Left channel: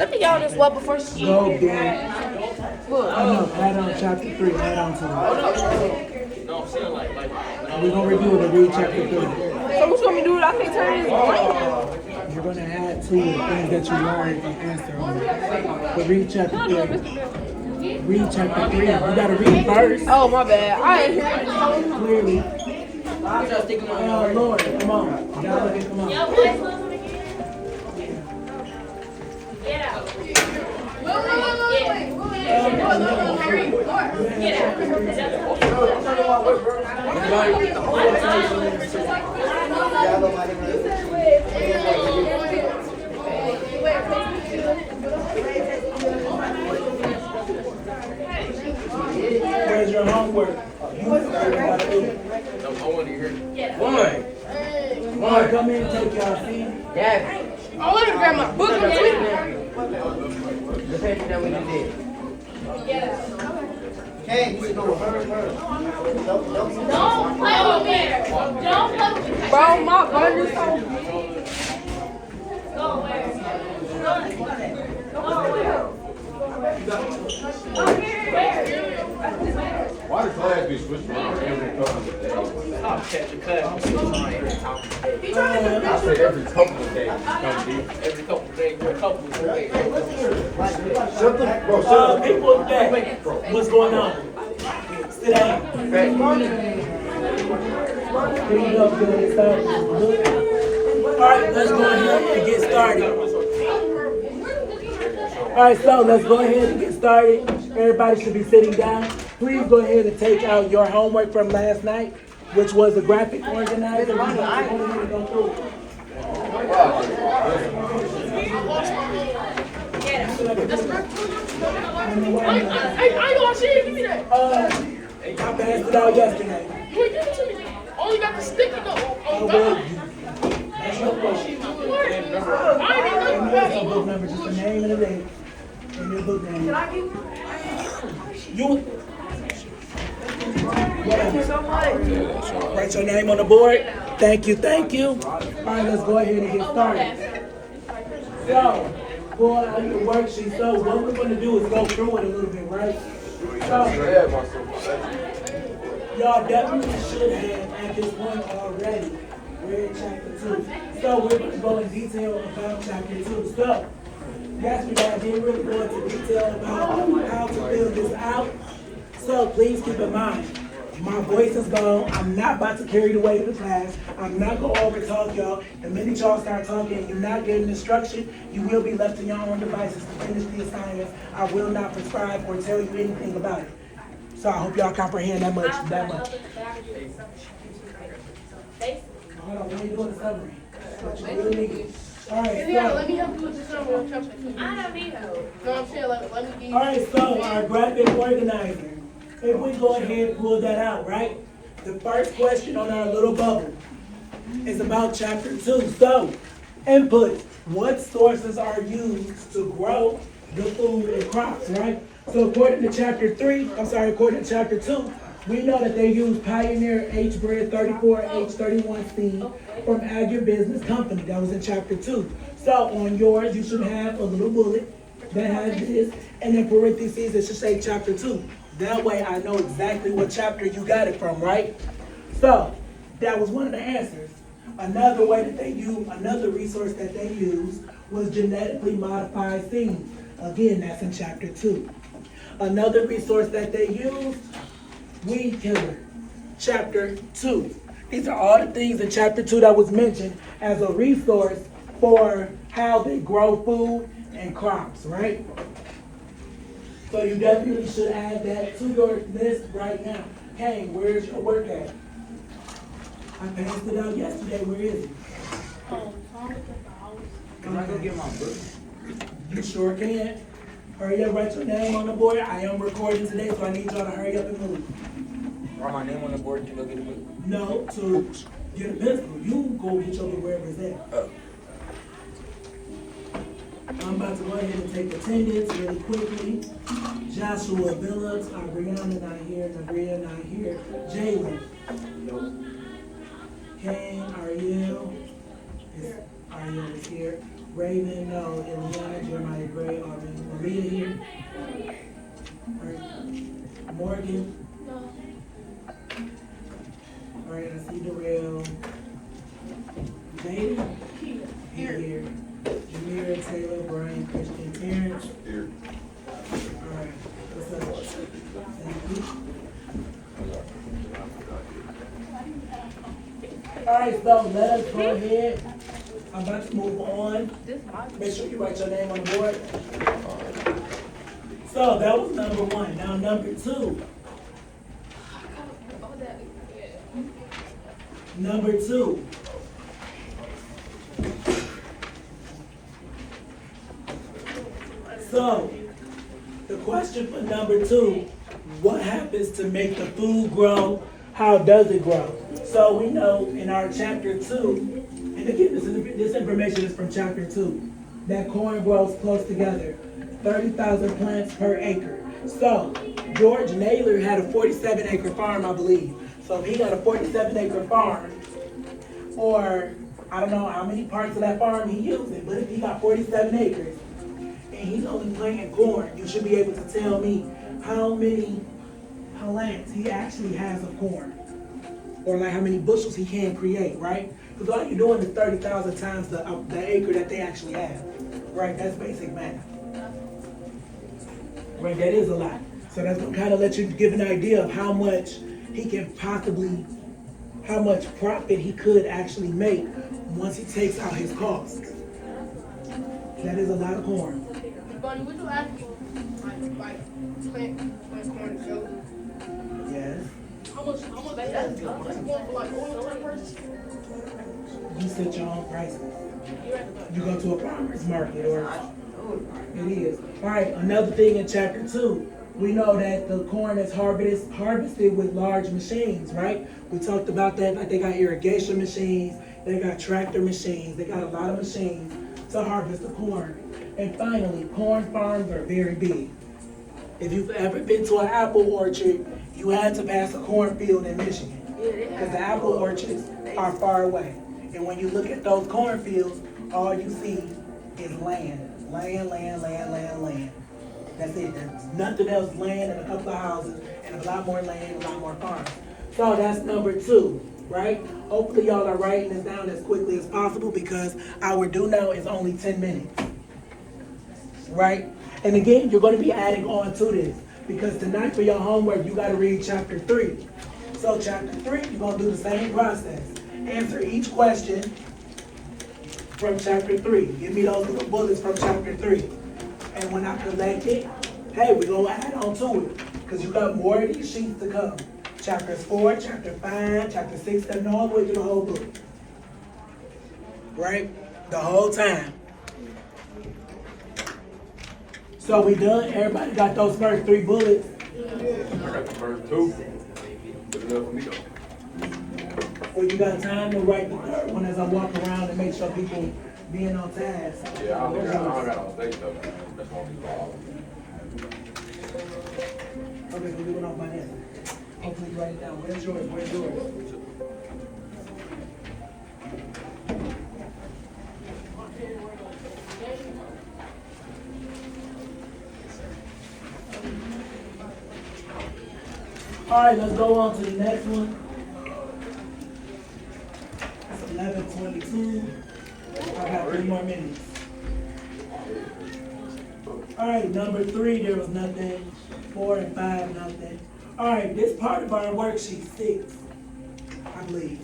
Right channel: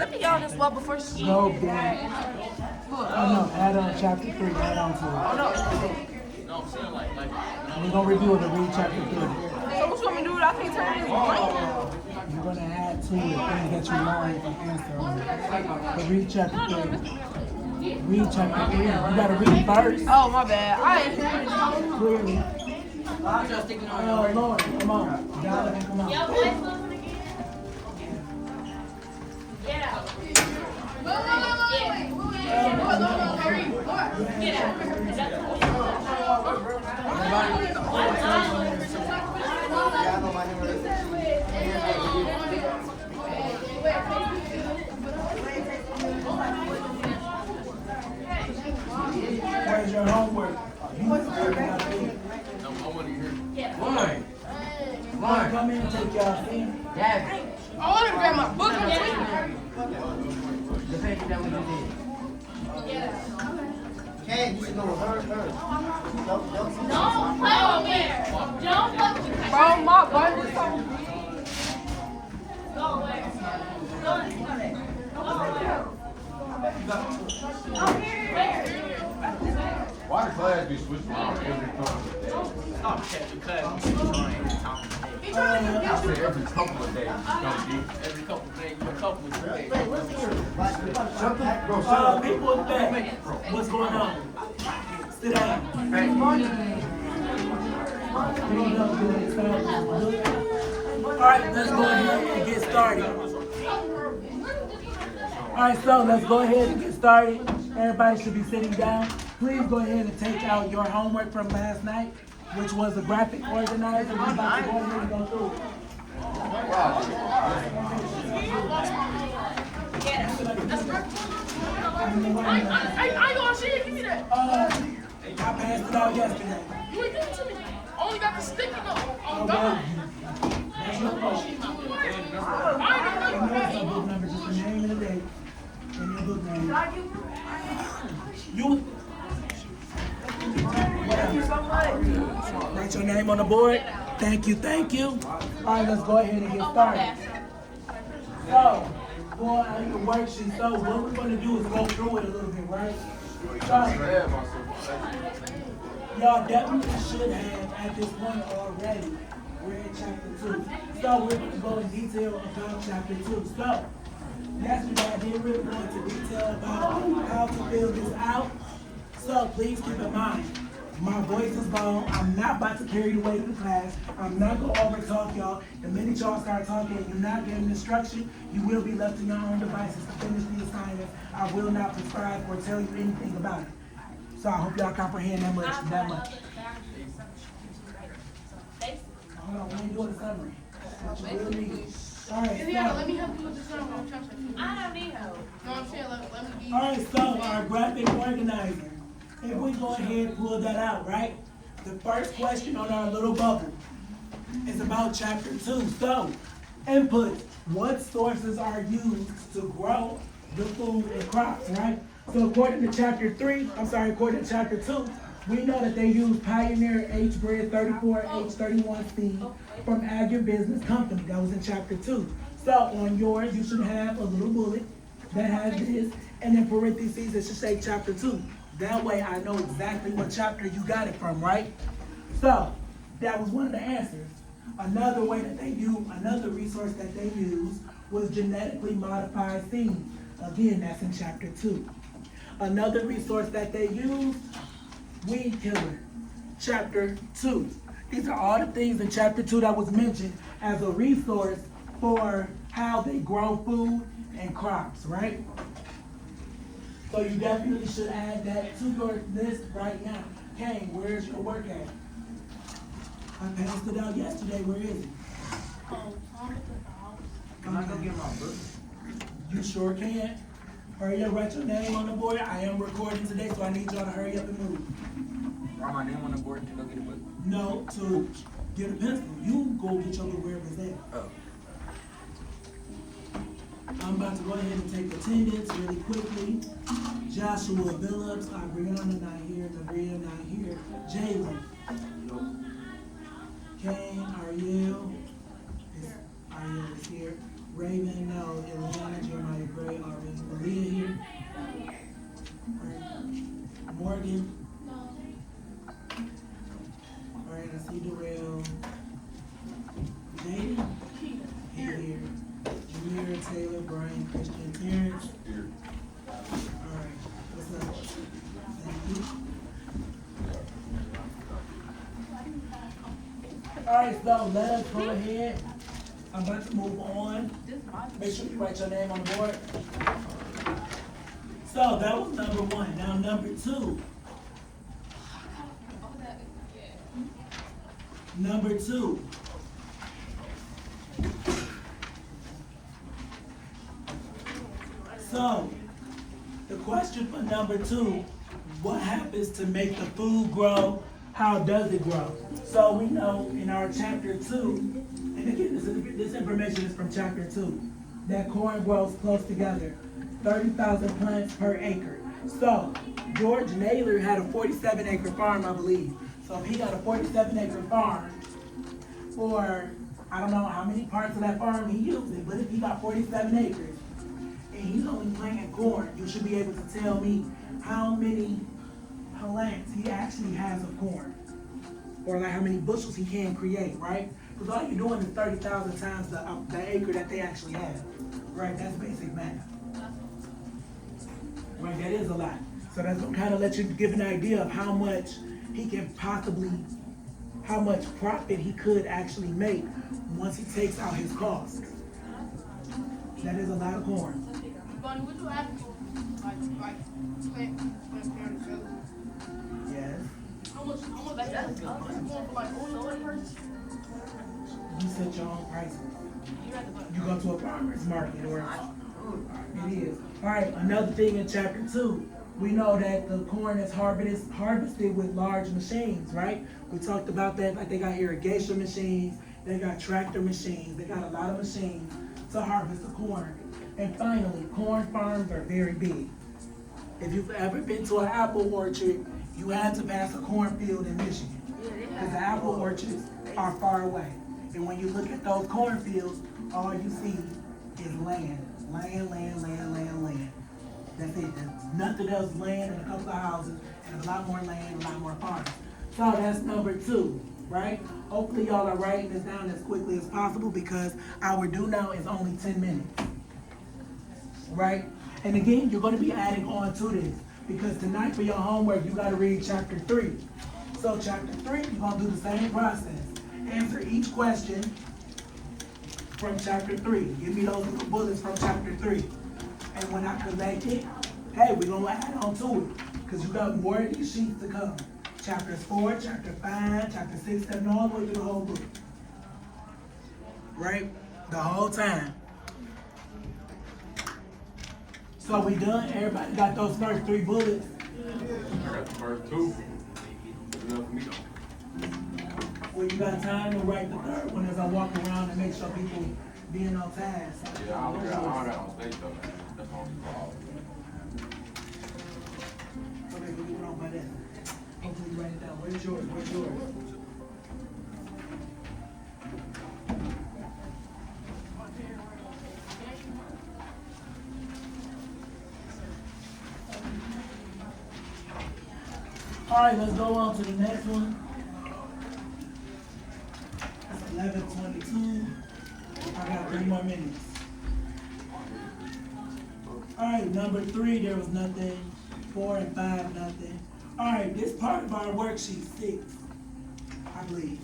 Let me get on this wall before she. Go, dude. Look. Add on chapter 3. Add on to it. No, I'm saying like. We're going to review it and read chapter 3. So what you want me to do? I can't turn this blank. You're going to add to it things that you learned and answer on. But read chapter 3. Read chapter 3. You got to read first. Oh, my bad. I ain't hear Clearly. Oh, Lord. Come on. You got to let it come on. Where's your homework? Why? Come in and take y'all seat. Yeah. Oh, let me grab my book. I'm sleeping. Depending on what you did. Hey, you should go with her. Don't play with me. Don't play with me. Bro, my gun is so. Go where? Go where? Why the class be switching around every couple of days? Stop catching class. Every couple of days. I said every couple of days. Every couple of days. Every couple of days. People in the back, what's going on? Sit down. Alright, let's go ahead and get started. Alright, so let's go ahead and get started. Everybody should be sitting down. Please go ahead and take out your homework from last night, which was the graphic organizer. We're going to go ahead and go through it. I know I see it. Give me that. I passed it out yesterday. You ain't give it to me. Oh, you got the sticker though. Oh, Well, God. that's your question. I ain't And know there's a book number, just the name and the date. And your book name. You. Whatever. Write your name on the board. Thank you, thank you. All right, let's go ahead and get started. So, for your worksheet, so what we're going to do is go through it a little bit, right? So, y'all definitely should have at this point already read chapter 2. So we're going to go in detail about chapter 2. So yesterday I didn't really go into detail about how to fill this out. So please keep in mind, my voice is gone. I'm not about to carry the weight of the class. I'm not going to over talk y'all. The minute y'all start talking and you're not getting instruction, you will be left to your own devices to finish the assignment. I will not prescribe or tell you anything about it. So I hope y'all comprehend that much. Hold on, let me do the summary. What you really need. All right, Let me help you with the summary. I don't need help. No, I'm saying, let me get you. all right, so our graphic organizer. If we go ahead and pull that out, right? The first question on our little bubble is about chapter 2. So, input. What sources are used to grow the food and crops, right? So according to according to chapter 2, we know that they use Pioneer H-Bread 34, H31 seed from Agribusiness Company. That was in chapter 2. So on yours, you should have a little bullet that has this, and in parentheses, it should say chapter 2. That way I know exactly what chapter you got it from, right? So that was one of the answers. Another way that they use, another resource that they used was genetically modified seeds. Again, that's in chapter 2. Another resource that they used, weed killer, chapter 2. These are all the things in chapter 2 that was mentioned as a resource for how they grow food and crops, right? So you definitely should add that to your list right now. Kane, where's your work at? I passed it out yesterday. Where is it? Can I go get my book? You sure can. Hurry up, write your name on the board. I am recording today, so I need y'all to hurry up and move. Write my name on the board to go get the book. No, to get a pencil. You go get your book wherever it's at. Oh. I'm about to go ahead and take attendance really quickly. Joshua Billups, Ariana not here, Nabria not here. Jalen. Kane, Ariel is here. Raven, no. Eliana, Jeremiah Gray, Morgan. All right, I see Darrell. Jaden? Here. Jameer, Taylor, Brian, Christian, Terrence. Here. All right, what's up? Thank you. All right, so let us go ahead. I'm about to move on. Make sure you write your name on the board. So that was number one. Now number two. Number two. So the question for number two, what happens to make the food grow? How does it grow? So we know in our chapter 2, and again, this information is from chapter 2, that corn grows close together, 30,000 plants per acre. So George Naylor had a 47-acre farm, I believe. So if he got a 47-acre farm, or I don't know how many parts of that farm he using, but if he got 47 acres, and he's only planting corn, you should be able to tell me how many plants he actually has of corn, or like how many bushels he can create, right? Because all you're doing is 30,000 times the acre that they actually have, right? That's basic math, right? That is a lot. So that's gonna kind of let you give an idea of how much he can possibly, how much profit he could actually make once he takes out his costs. That is a lot of corn. Bunny, would you ask me, like, plant corn show? Yes. How much, like, that's going for, like, oil per person? You set your own prices. You're at the bottom. You go to a farmer's market or it is. All right, another thing in chapter 2, we know that the corn is harvested with large machines, right? We talked about that, like they got irrigation machines, they got tractor machines, they got a lot of machines to harvest the corn. And finally, corn farms are very big. If you've ever been to an apple orchard, you had to pass a cornfield in Michigan. Because the apple orchards are far away. And when you look at those cornfields, all you see is land. Land. That's it. There's nothing else, land and a couple of houses and a lot more land and a lot more farms. So that's number 2, right? Hopefully y'all are writing this down as quickly as possible because our due now is only 10 minutes, right? And again, you're going to be adding on to this because tonight for your homework, you got to read chapter 3. So chapter 3, you're going to do the same process. Answer each question from chapter 3. Give me those little bullets from chapter 3. And when I collect it, hey, we're going to add on to it because you got more of these sheets to come. Chapters 4, chapter 5, chapter 6, 7, all the way through the whole book. Right? The whole time. So we done? Everybody got those first 3 bullets? I got the first 2. Good enough for me though. Well, you got time to write the third one as I walk around and make sure people being on task. Yeah, I don't got no mistakes though. That's all we got. Okay, we're doing off by then. Hopefully you write it down. Where's yours? All right, let's go on to the next one. That's 11:22. I got 3 more minutes. All right, number 3, there was nothing. 4 and 5, nothing. All right, this part of our worksheet 6, I believe.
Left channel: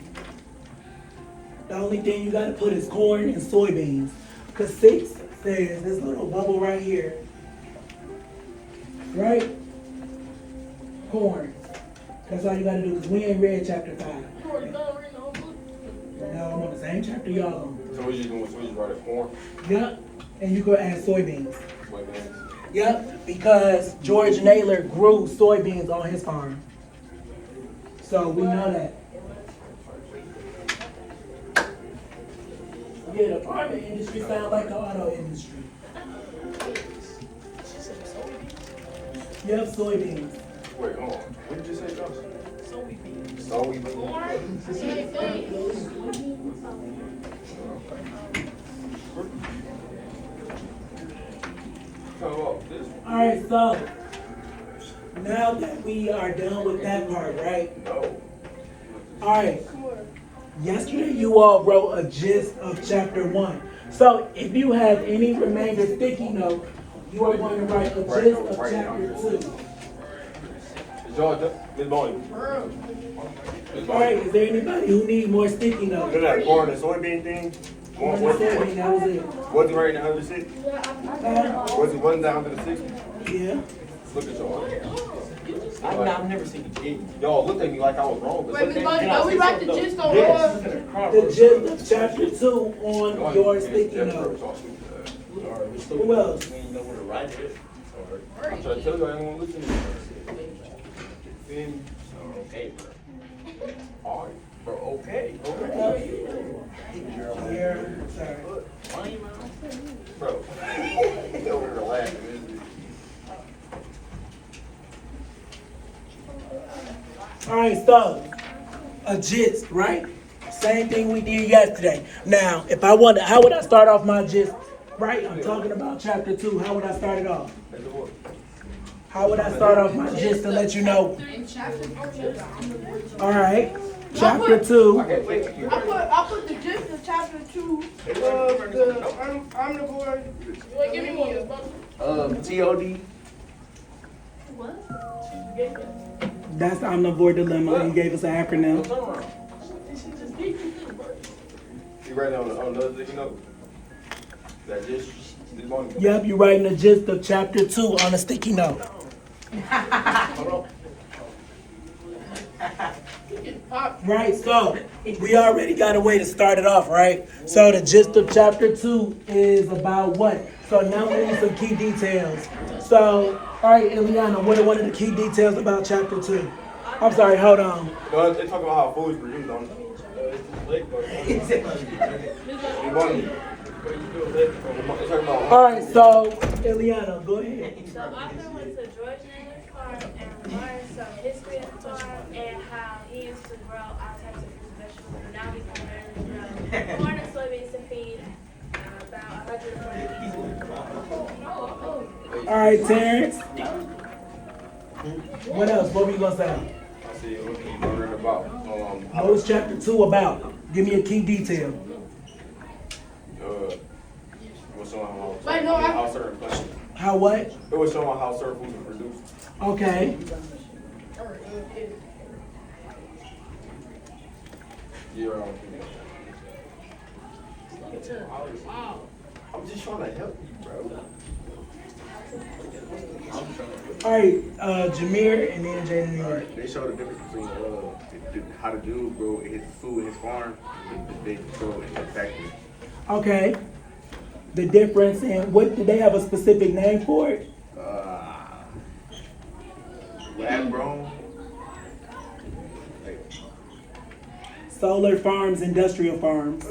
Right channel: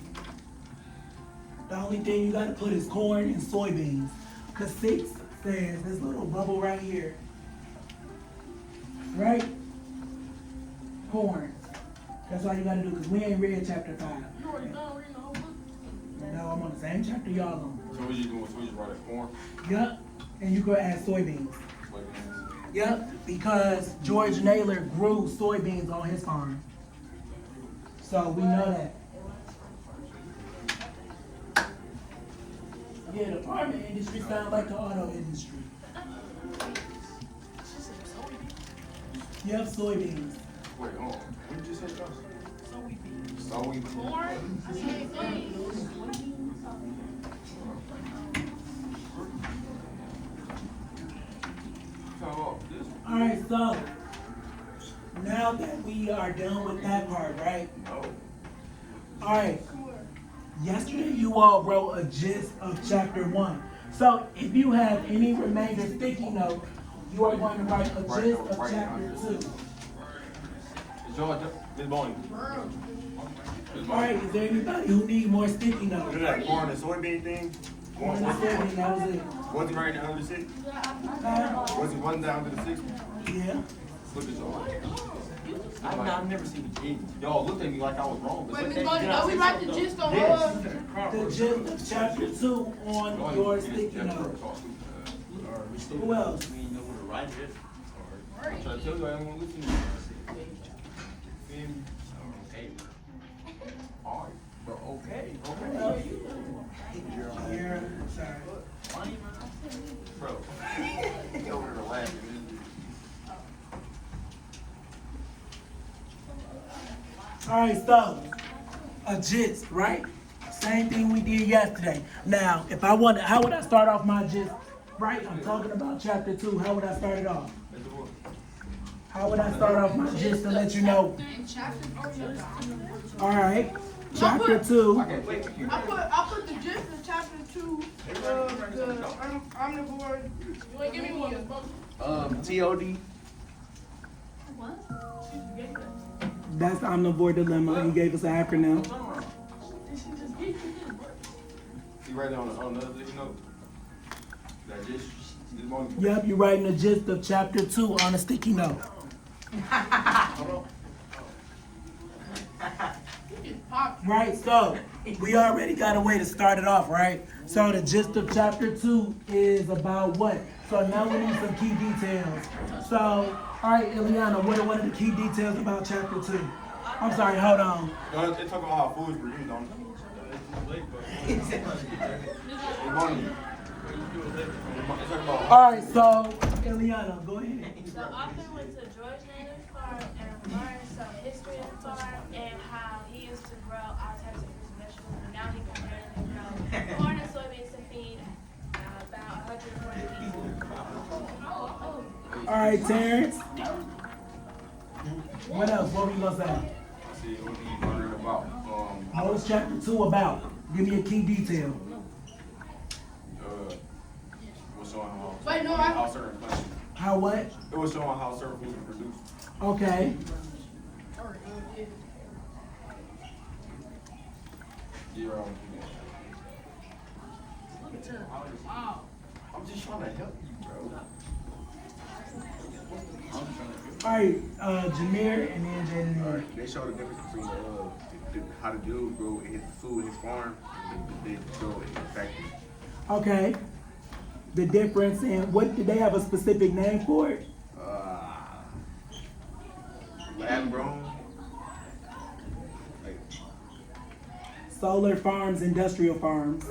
The only thing you gotta put is corn and soybeans. Cause 6 says this little bubble right here, right? Corn. That's all you gotta do, cause we ain't read chapter 5. You already done reading the whole book? No, I'm on the same chapter y'all on. So what you doing? So you write a corn? Yup, and you go add soybeans. Soybeans. Yep, because George Naylor grew soybeans on his farm. So we know that. Yeah, the farming industry sounds like the auto industry. Yep, soybeans. Wait, hold on. What did you say, Johnson? Soybeans. Soybeans. Same thing. Oh, this. All right, so now that we are done with that part, right? No. All right. Yesterday, you all wrote a gist of chapter 1. So if you have any remainder sticky notes, you are going to write a gist of chapter 2. Is y'all done? Miss Bonnie. All right, is there anybody who need more sticky notes? Look at that corn and soybean thing. That was it. Was it right now under 6? Was it one down to the 60? Yeah. Look at y'all. I've never seen a kid. Y'all looked at me like I was wrong. But Wait, Miss look Bonnie, at- don't we write the gist on Yes. The gist of chapter 2 on your sticky Yes, note. y'all stupid ass. Who else? We ain't know where to write it. I'm trying to tell you, I ain't gonna listen to you. Hey, bro. All right, bro. Okay. Yeah, sorry. Bro. Over here laughing. All right, so a gist, right? Same thing we did yesterday. Now, if I wanted, how would I start off my gist? Right, I'm talking about chapter 2. How would I start it off? How would I start off my gist to let you know? in chapter 4. All right, chapter 2. I put the gist of chapter 2 of the Omnivores Dilemma. TOD. That's the Omnivore Dilemma. He gave us an acronym. You write down on another thing, you know? That this morning. Yep, you're writing the gist of chapter 2 on a sticky note. Right, so we already got a way to start it off, right? So the gist of chapter 2 is about what? So now we need some key details. So, all right, Eliana, what are one of the key details about chapter 2? I'm sorry, hold on. No, they talk about how food is produced, don't they? All right, so Eliana, go ahead. The author went to George Naylor's farm and learned some history of the farm and how he used to grow all types of fruit and vegetables. And now he can grow corn and soybeans to feed about 140 people. All right, Terrence. What else? What were you gonna say? I see what you wondering about. What was chapter 2 about? Give me a key detail. Was showing how Wait, no, how certain plants. How what? It was showing how certain foods are produced. Okay. Year round. I'm just trying to help you, bro. All right, Jameer and then Jaden. They show the difference between how the dude grow his food in his farm and they grow in the factory. Okay. The difference in what did they have a specific name for it? Lab grown. Solar farms, industrial farms.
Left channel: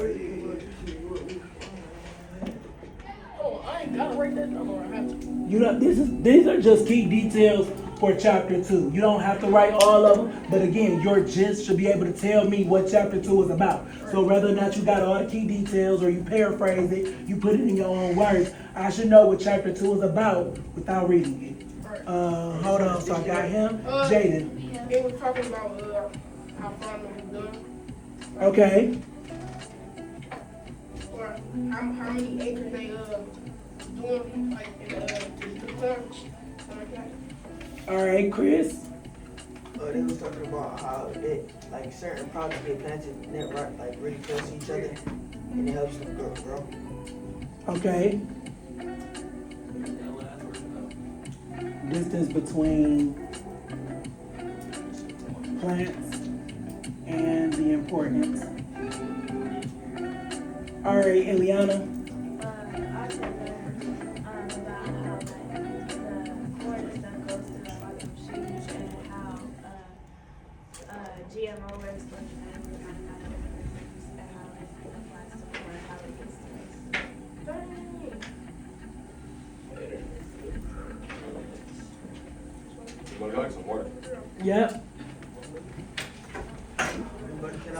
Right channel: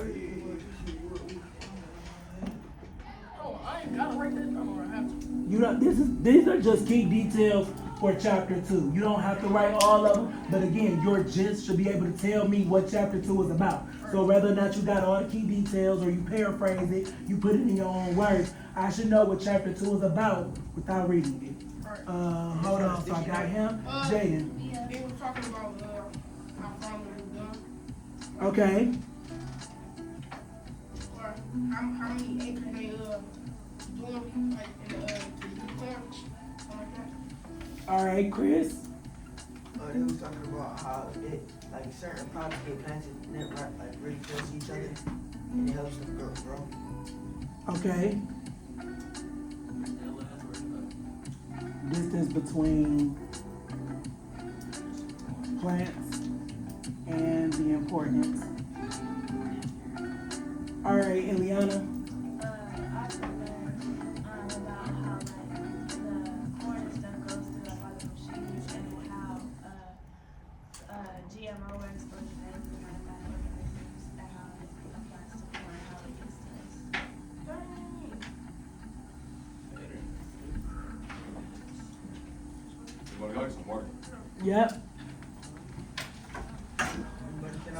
Oh, I ain't gotta write that down or I have to. You know, these are just key details for chapter 2. You don't have to write all of them, but again, your gist should be able to tell me what chapter 2 is about. So whether or not you got all the key details or you paraphrase it, you put it in your own words, I should know what chapter 2 is about without reading it. Hold on, so I got him. Jaden. It was talking about how farming was done. Okay. Or how many acres they doing like in terms. All right, Chris. They was talking about how like certain products get planted like really close to each other, and it helps them grow. Okay. Distance between plants and the importance. All right, Eliana. I also learned about how like the corn is done goes through like all the machines and how GMO works with the organisms and how it applies to corn, how it gets to us. You want to like some water? Yep.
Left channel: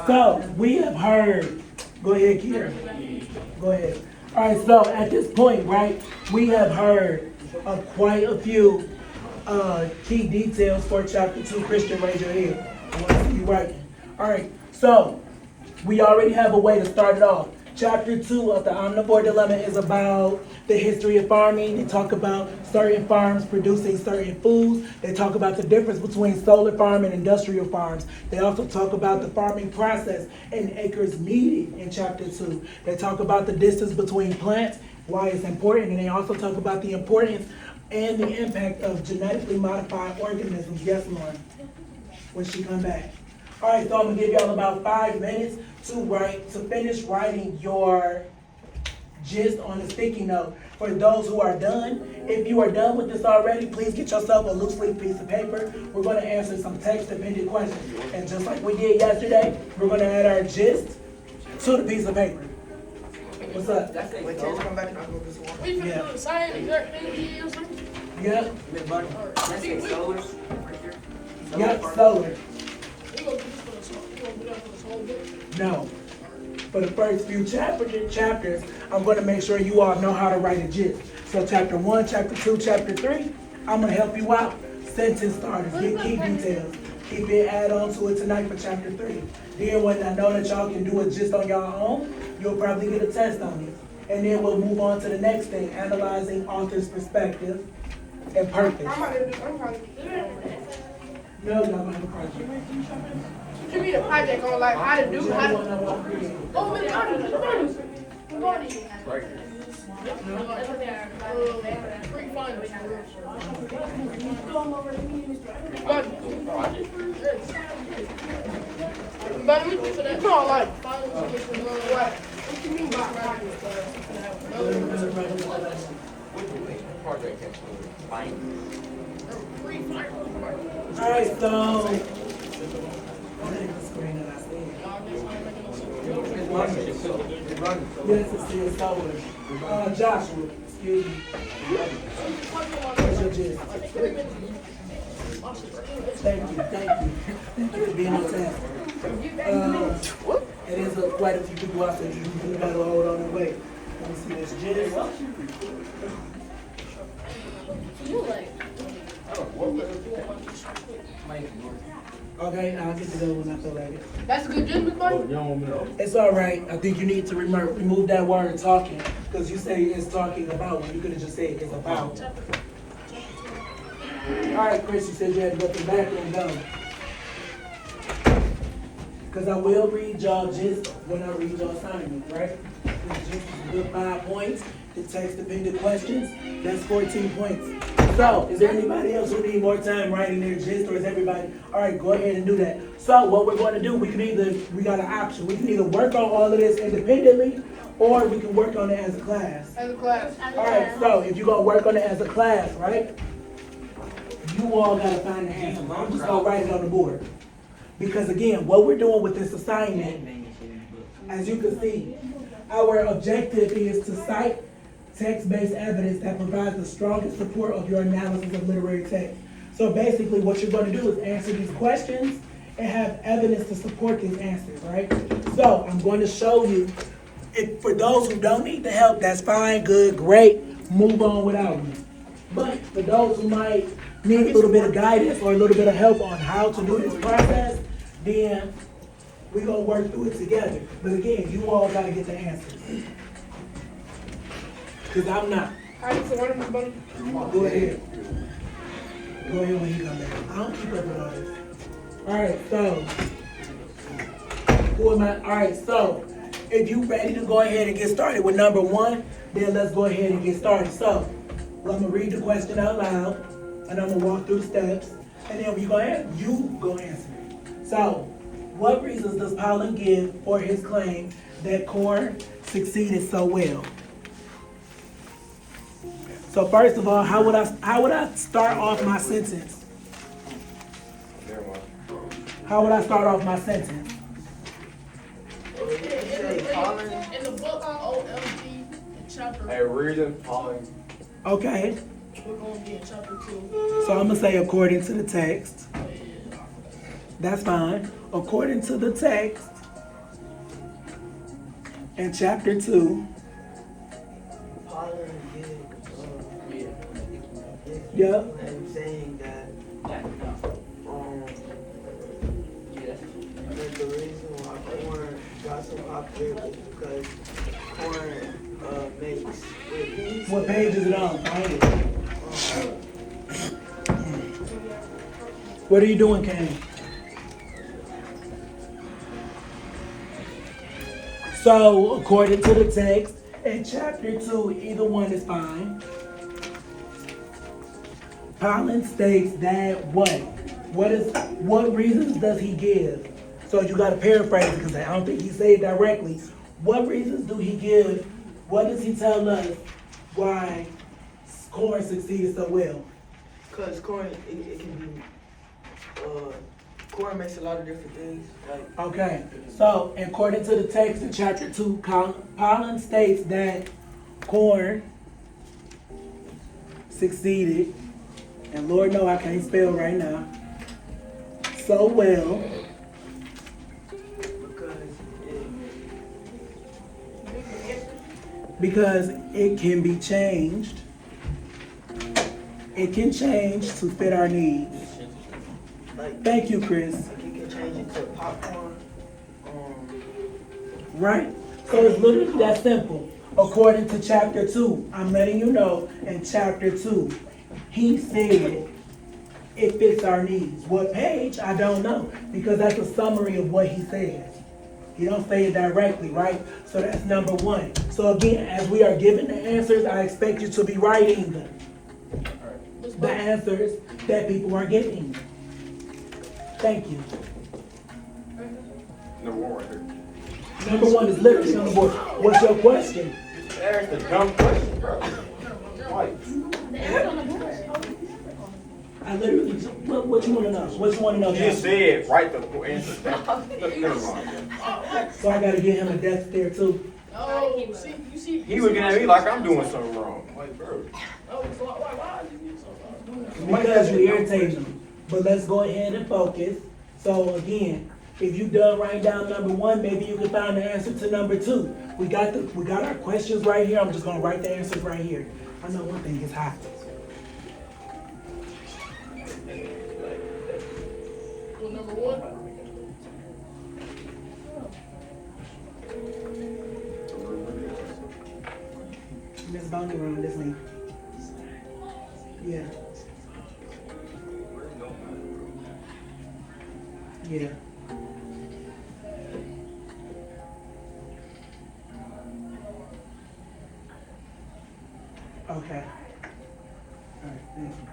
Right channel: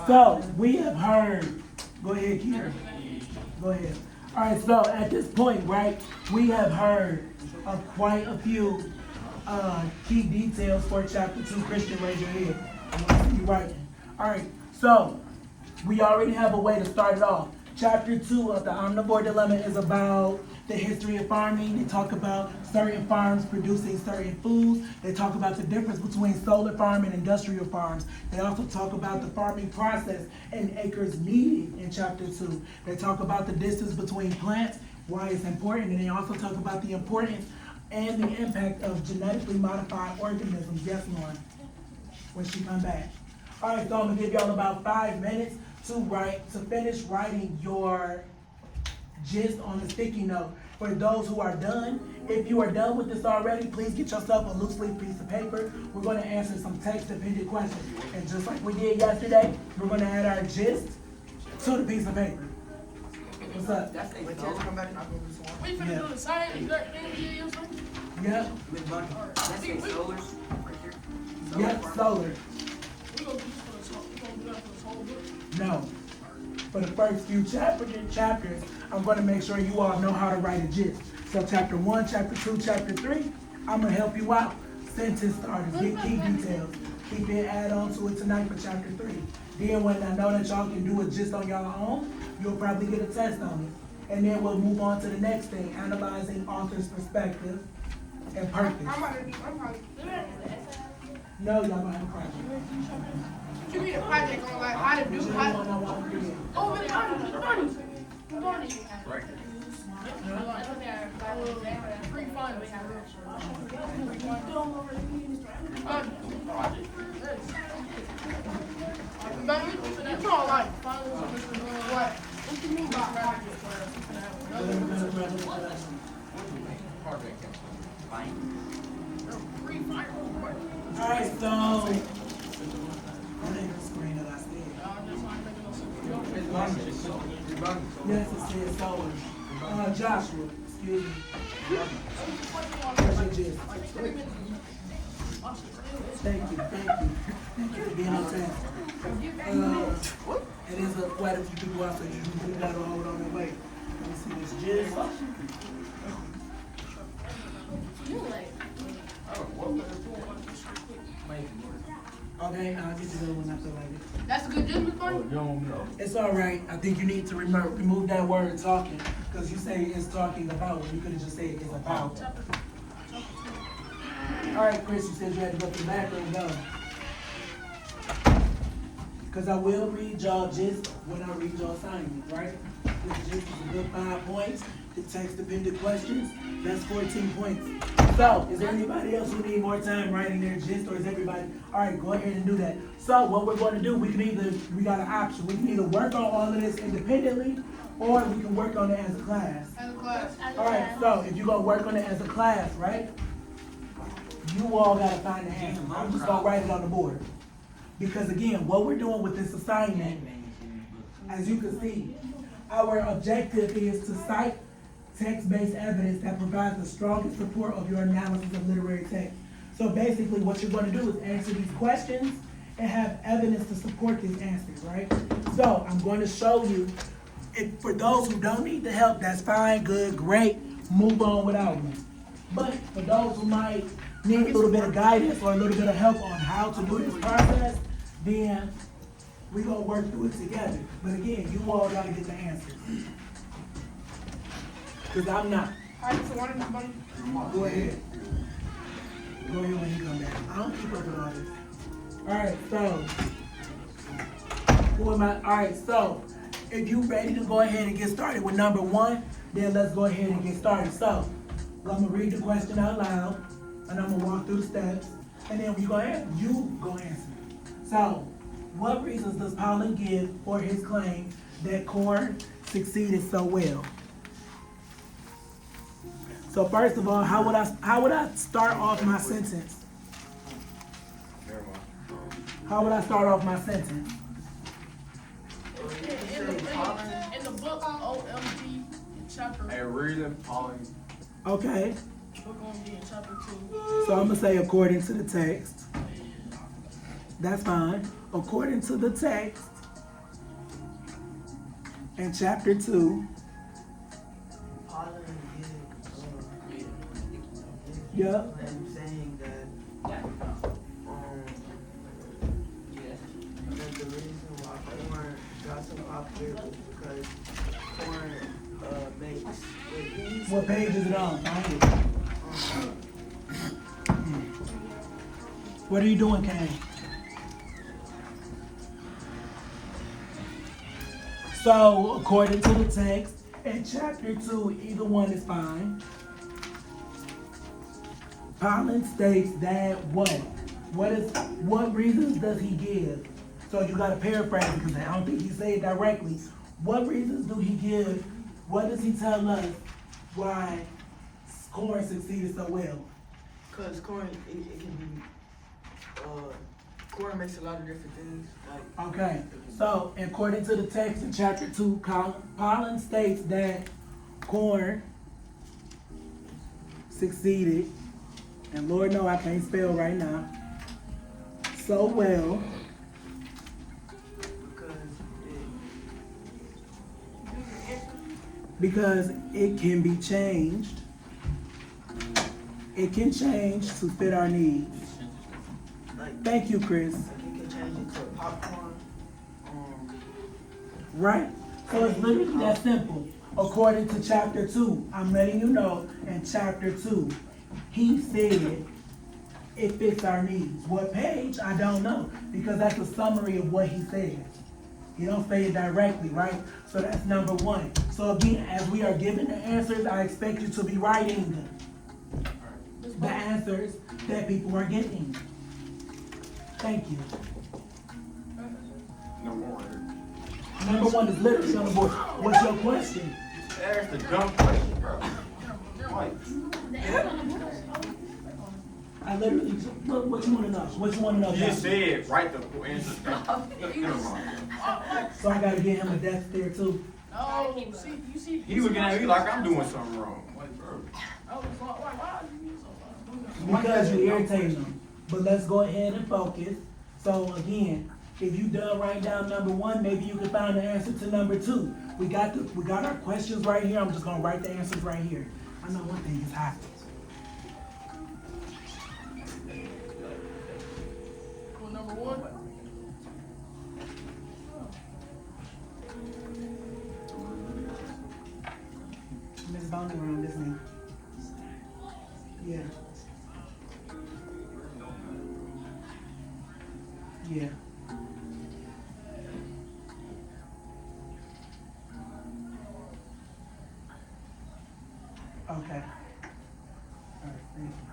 So we have heard. Go ahead, Kiera. Go ahead. All right. So at this point, right, we have heard of quite a few key details for chapter 2. Christian, raise your hand. I want to see you working. All right, so we already have a way to start it off. Chapter 2 of the Omnivore Dilemma is about the history of farming. They talk about certain farms producing certain foods. They talk about the difference between solar farm and industrial farms. They also talk about the farming process and acres needed in chapter 2. They talk about the distance between plants, why it's important, and they also talk about the importance and the impact of genetically modified organisms. Yes, Lauren, when she come back. All right, so I'm gonna give y'all about 5 minutes to finish writing your gist on the sticky note. For those who are done, if you are done with this already, please get yourself a loose leaf piece of paper. We're gonna answer some text-dependent questions. And just like we did yesterday, we're gonna add our gist to the piece of paper. What's up? When Terrence come back, I'll go this one. We finna do the same exact thing he is. Yep, That's it, solar. yep, solar. We gonna do this for the song. We gonna do that for this whole book. No. For the first few chapters, I'm going to make sure you all know how to write a gist. So chapter 1, chapter 2, chapter 3, I'm going to help you out. Sentence starters, get key details. Keep it, add on to it tonight for chapter 3. Then when I know that y'all can do it just on your own, you'll probably get a test on it. And then we'll move on to the next thing, analyzing author's perspective and purpose. I'm about to. No, y'all don't have a project. Give me a project on like how to do how to. Oh, Miss Bonnie. Right. Free finals. But we it's not like finals. What you mean by project? Project cancel. Free finals. All right, so. Yes, it says solar. Joshua, excuse me. Where's your gist? Thank you. Thank you for being on time. It is quite a few people out there who gotta hold on and wait. Let me see this gist. Okay, I'll get to that when I feel like it. That's a good gist, Miss Bonnie. It's all right. I think you need to remove that word talking, because you say it's talking about when you could have just said it's about. All right, Chris, you said you had to go to the bathroom, go. Because I will read y'all just when I read y'all assignment, right? Just a good 5 points. The text-dependent questions, that's 14 points. So, is there anybody else who need more time writing their gist, or is everybody? All right, go ahead and do that. So, what we're going to do, we got an option. We can either work on all of this independently, or we can work on it as a class. As a class. All right, so if you're going to work on it as a class, right? You all got to find the answer. I'm just going to write it on the board. Because again, what we're doing with this assignment, as you can see, our objective is to cite text-based evidence that provides the strongest support of your analysis of literary text. So basically what you're going to do is answer these questions and have evidence to support these answers, right? So I'm going to show you, for those who don't need the help, that's fine, good, great, move on without me. But for those who might need a little bit of guidance or a little bit of help on how to do this process, then we're going to work through it together. But again, you all got to get the answers. Because I'm not. All right, so what am I going to Go ahead. Go ahead when you come back. I don't keep up with all this. All right, so. Who am I? All right, so. If you ready to go ahead and get started with number 1, then let's go ahead and get started. So, I'm going to read the question out loud, and I'm going to walk through the steps, and then you go answer it. So, what reasons does Pollen give for his claim that corn succeeded so well? So first of all, how would I start off my sentence? How would I start off my sentence? In the book on OMG, chapter. Hey, reason, pollen. Okay, We're going to be in chapter 2. so I'm gonna say according to the text. That's fine. According to the text in chapter 2. Pollen did, Yeah. and saying so popular because corn makes with What page is it on? Find it. What are you doing, Candy? So, according to the text, in chapter 2, either one is fine. Pollen states that what? What reasons does he give? So you gotta paraphrase it because I don't think he said it directly. What reasons do he give? What does he tell us why corn succeeded so well? Because corn, it can be, corn makes a lot of different things. Like, Okay, so according to the text in chapter 2, Pollen states that corn succeeded, and Lord know I can't spell right now, so well because it can be changed. It can change to fit our needs. like Thank you, Chris. you can change it to popcorn. Right? So it's literally that simple. According to chapter 2, I'm letting you know in chapter 2, he said it fits our needs. What page? I don't know. Because that's a summary of what he says. He don't say it directly, right? So that's number 1. So again, as we are giving the answers, I expect you to be writing the answers that people are giving. Thank you. Number 1 right here. Number 1 is literally on the board. What's your question? That's the dumb question, bro. Like, I literally, what you want to know? What you want to know? you just said write the answer down. Never mind. So I gotta get him a death stare too. Oh, you see. He looking at me like I'm doing something wrong. Like, bro. Oh, why are you so Because you irritate him. But let's go ahead and focus. So again, if you done write down number 1, maybe you can find the answer to number 2. We got our questions right here. I'm just gonna write the answers right here. I know one thing is hot. Well, number 1. Miss Bounty around this one. Yeah. Yeah. Okay. Alright, thank you.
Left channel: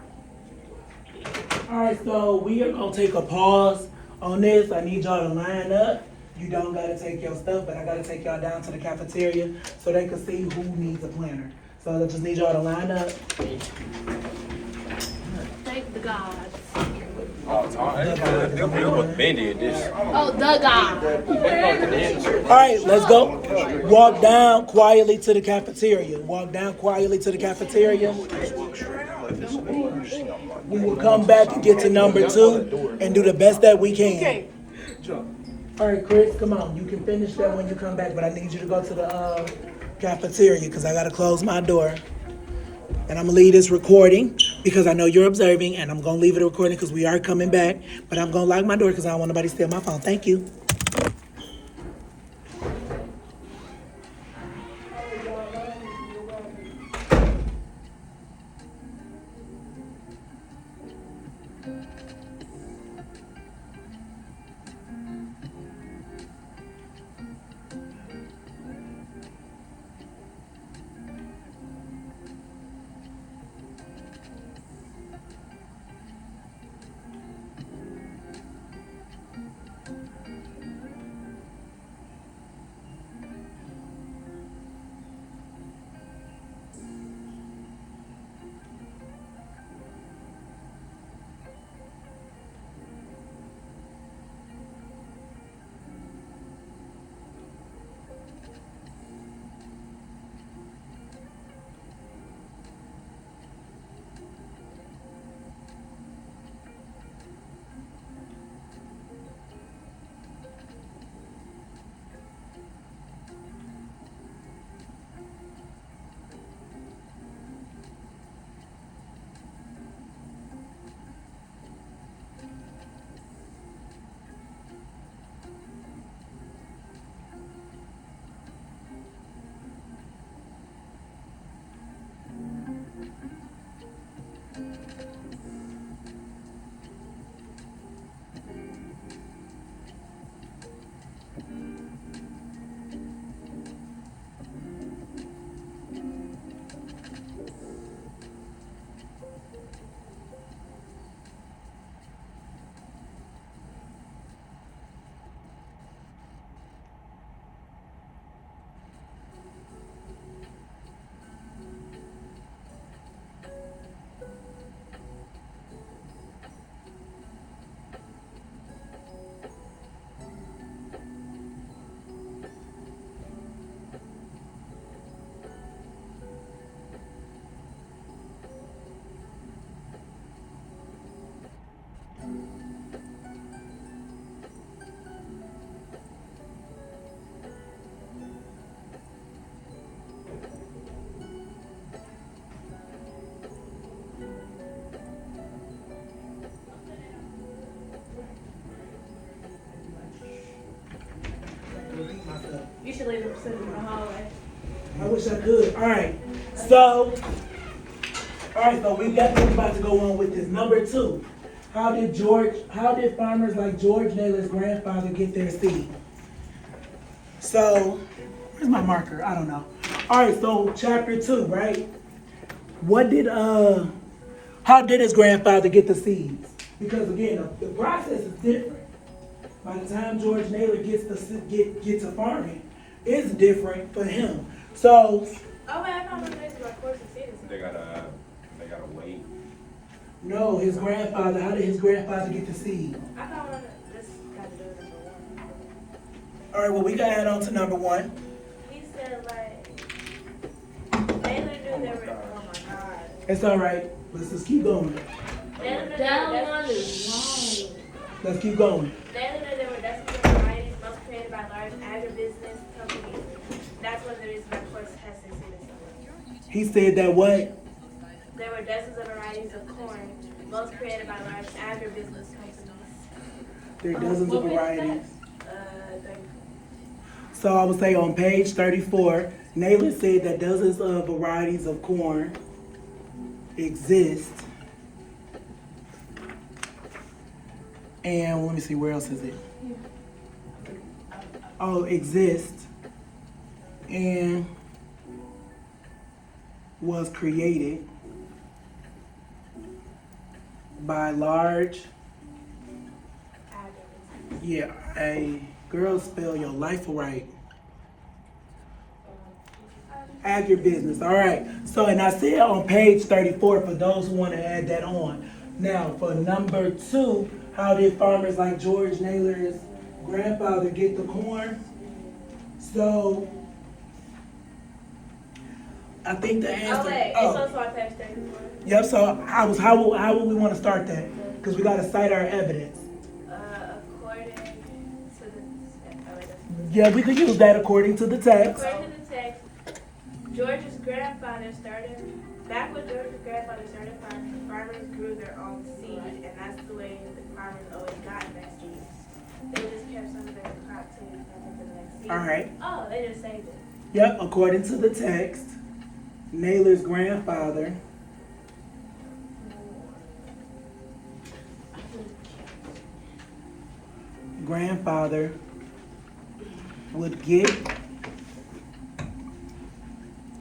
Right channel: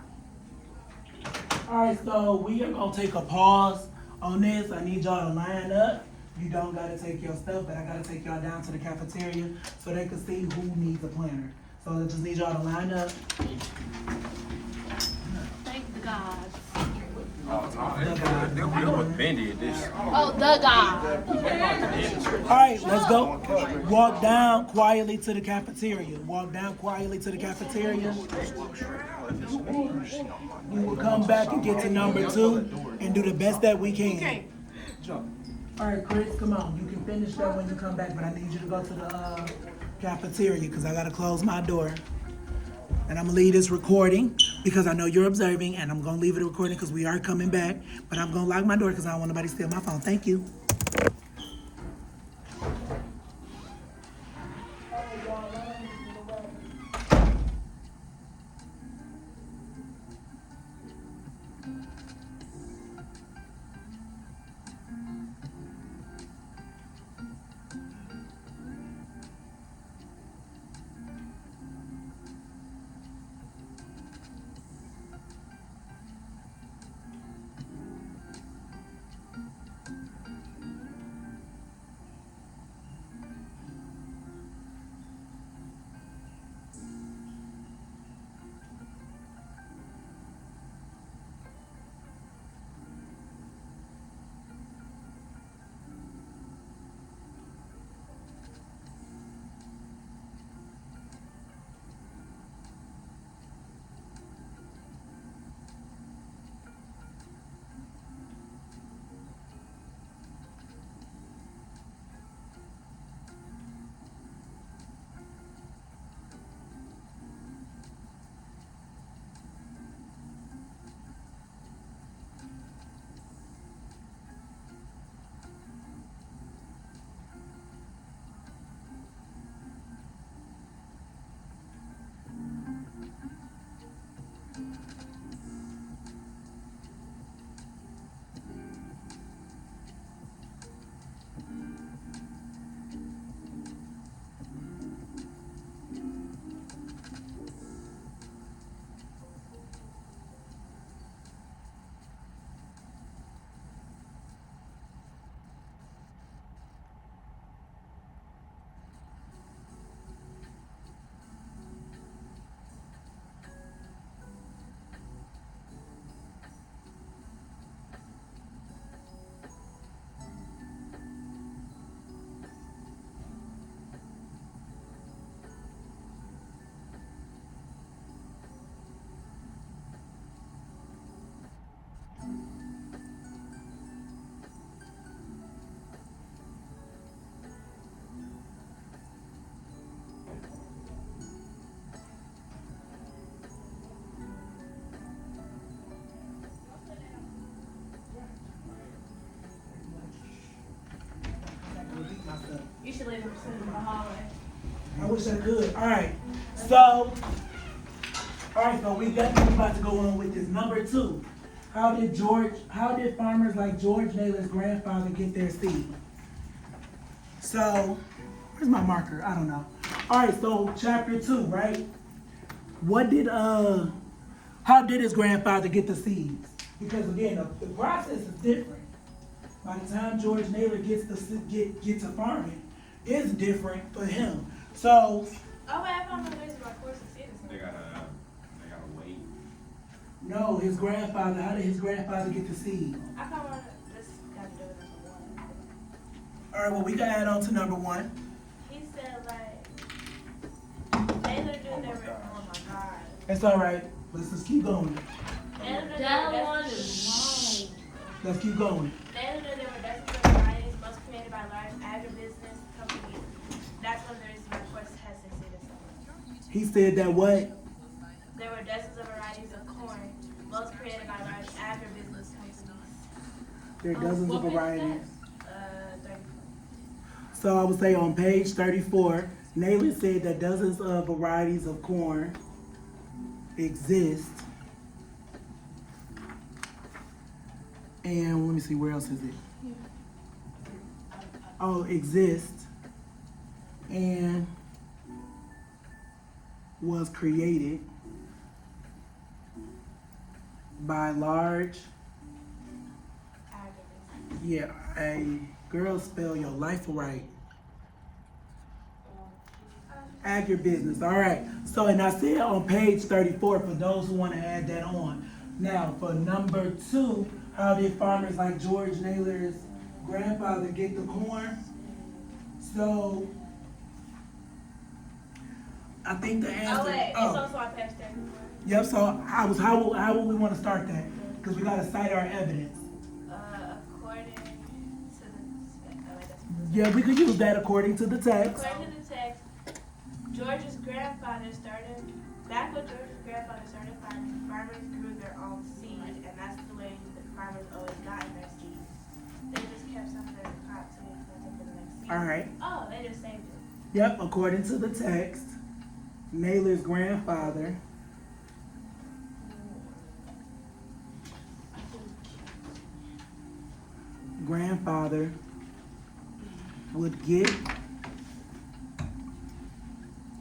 Alright, so we are gonna take a pause on this. I need y'all to line up. You don't gotta take your stuff, but I gotta take y'all down to the cafeteria so they can see who needs a planner. So I just need y'all to line up. Thank the gods. Ben did this. Oh, the God. Alright, let's go. Walk down quietly to the cafeteria. Walk down quietly to the cafeteria. We will come back and get to number 2 and do the best that we can. Alright, Chris, come on. You can finish that when you come back, but I need you to go to the cafeteria because I gotta close my door. And I'm gonna leave this recording because I know you're observing, and I'm gonna leave it a recording because we are coming back. But I'm gonna lock my door because I don't want nobody to steal my phone. Thank you. sitting in the hallway. I wish I could. Alright, so we definitely about to go on with this. Number 2, how did farmers like George Naylor's grandfather get their seed? So, where's my marker? I don't know. Alright, so chapter 2, right? How did his grandfather get the seeds? Because again, the process is different. By the time George Naylor gets to farming, it's different for him. So, Oh wait, I found one next to my course of citizens. They gotta wait. no, how did his grandfather get the seed? I found one that's got to do with number 1. Alright, well, we gotta add on to number 1. He said like Naylor knew they were. Oh my god. It's alright. Let's just keep going. Naylor knew That one is long. Let's keep going. Naylor knew there were dozens of varieties, most created by large agribusiness companies. That's one of the reasons my course has succeeded so well. He said that what? There were dozens of varieties of corn, most created by large agribusiness companies. There are dozens of varieties. 34. So I would say on page 34, Naylor said that dozens of varieties of corn exist. And let me see, where else is it? Oh, exist and was created by large, girl, spell your life right. Agribusiness, all right. So, and I said on page 34 for those who want to add that on. Now, for number 2, how did farmers like George Naylor's grandfather get the corn? So, I think the answer. Oh wait, it's also on page 34. Yep. So, how would we want to start that? Because we got to cite our evidence. According to the Yeah, we could use that according to the text. According to the text, George's grandfather back when George's grandfather started farming, farmers grew their own seed, and that's the way the farmers always got their seeds. They just kept some of their crop to the next season. All right. Oh, they just saved it. Yep, according to the text, Naylor's grandfather would get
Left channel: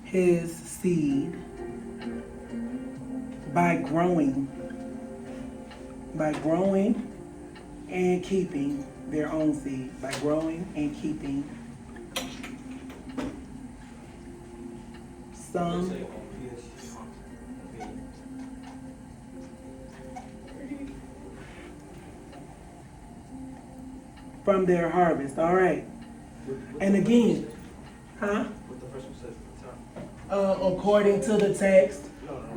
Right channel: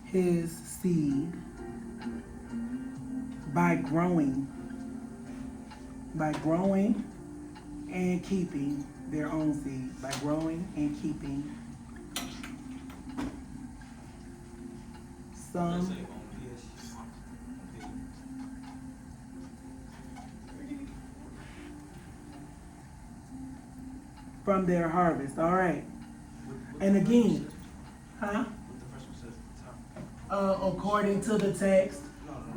his seed by growing and keeping their own seed, by growing and keeping some from their harvest. All right. And again, huh? What the first one says at the top. According to the text, No, the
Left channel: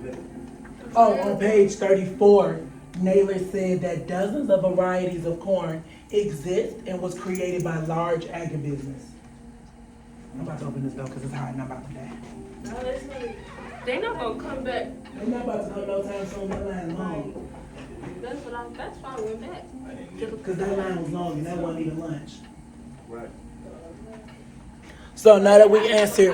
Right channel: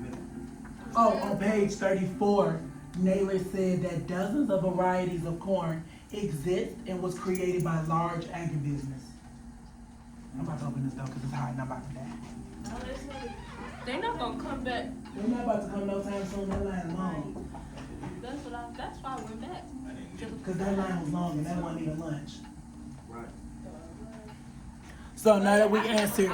middle. on page 34, Naylor said that dozens of varieties of corn exist and was created by large agribusiness. I'm about to open this door because it's hot and I'm about to die. No, this one. They not gonna come back. They're not about to come no time soon. That line long. That's why we're back. Because that line was long and that wasn't even lunch. Right. So now that we answered,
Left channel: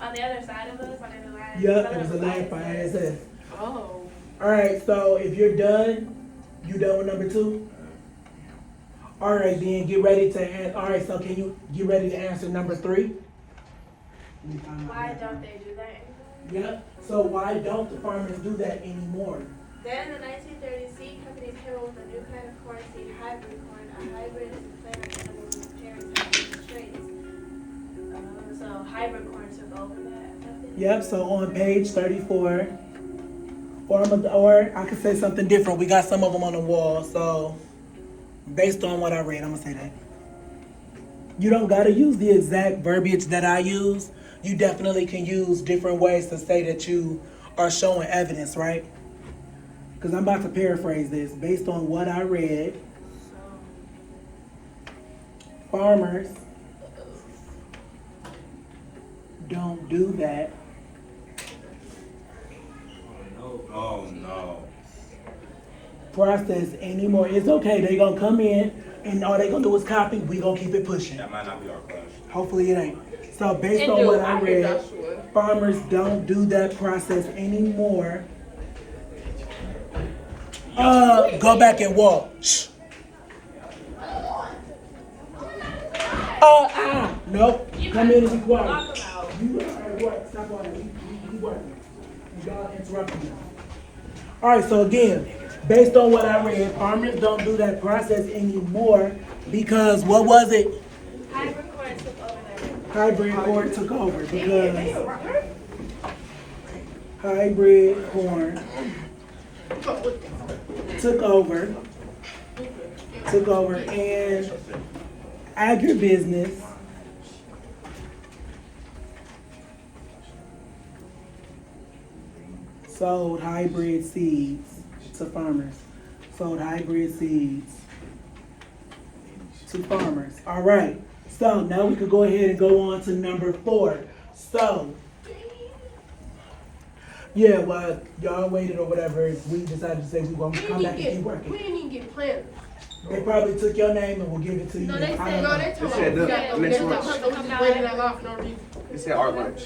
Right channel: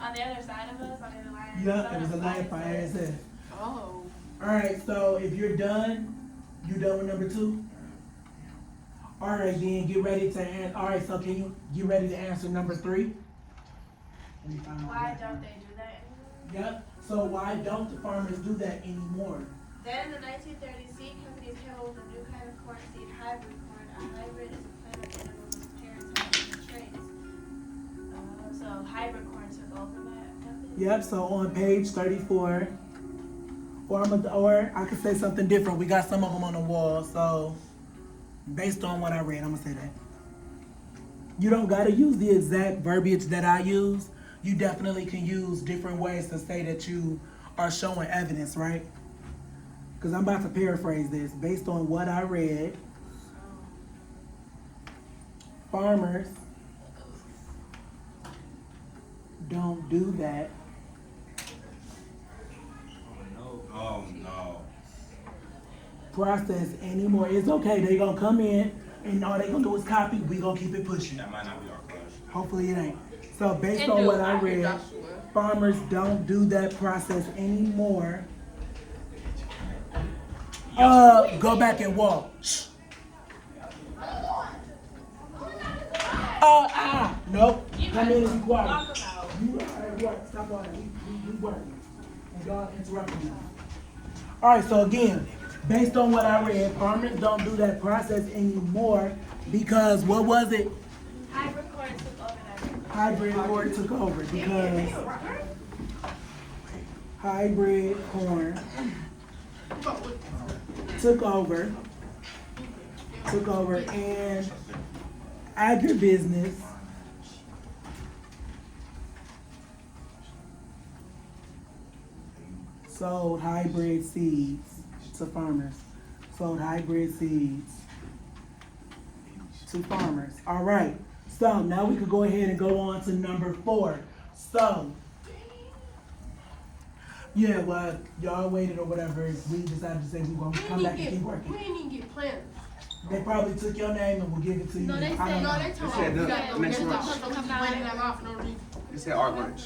On the other side of us, on the other line. yep, it was a line for ISS. Oh. All right, so if you're done, you done with number 2? All right, then get ready to answer. All right, so can you get ready to answer number 3? Why don't they do that? Yep. So why don't the farmers do that anymore? Then in the 1930s, seed companies came up with a new kind of corn seed, hybrid corn. A hybrid is a plant of animal with parent traits. So hybrid corn took over that. Yep. So on page 34, or I could say something different. We got some of them on the wall. So based on what I read, I'm gonna say that. You don't gotta use the exact verbiage that I use. You definitely can use different ways to say that you are showing evidence, right? Because I'm about to paraphrase this. Based on what I read, farmers don't do that Oh no. process anymore. It's okay. They're going to come in. and all they gonna do is copy, we gonna keep it pushing. That might not be our class. Hopefully it ain't. So based on what I read, farmers don't do that process anymore. Go back and walk. Shh. Nope. Come in and be quiet. You are at work. Stop working. You working. And y'all interrupting me. All right. So again, based on what I read, farmers don't do that process anymore because what was it? Hybrid corn took over because hybrid corn took over and agribusiness sold hybrid seeds to farmers. Sold hybrid seeds to farmers. All right. So now we could go ahead and go on to number 4. So, yeah, well, y'all waited or whatever. We decided to say we won't come back and keep working. We didn't even get planners. They probably took your name and will give it to you. No, they I don't know. told us next lunch. waiting that long for no reason. It said art lunch.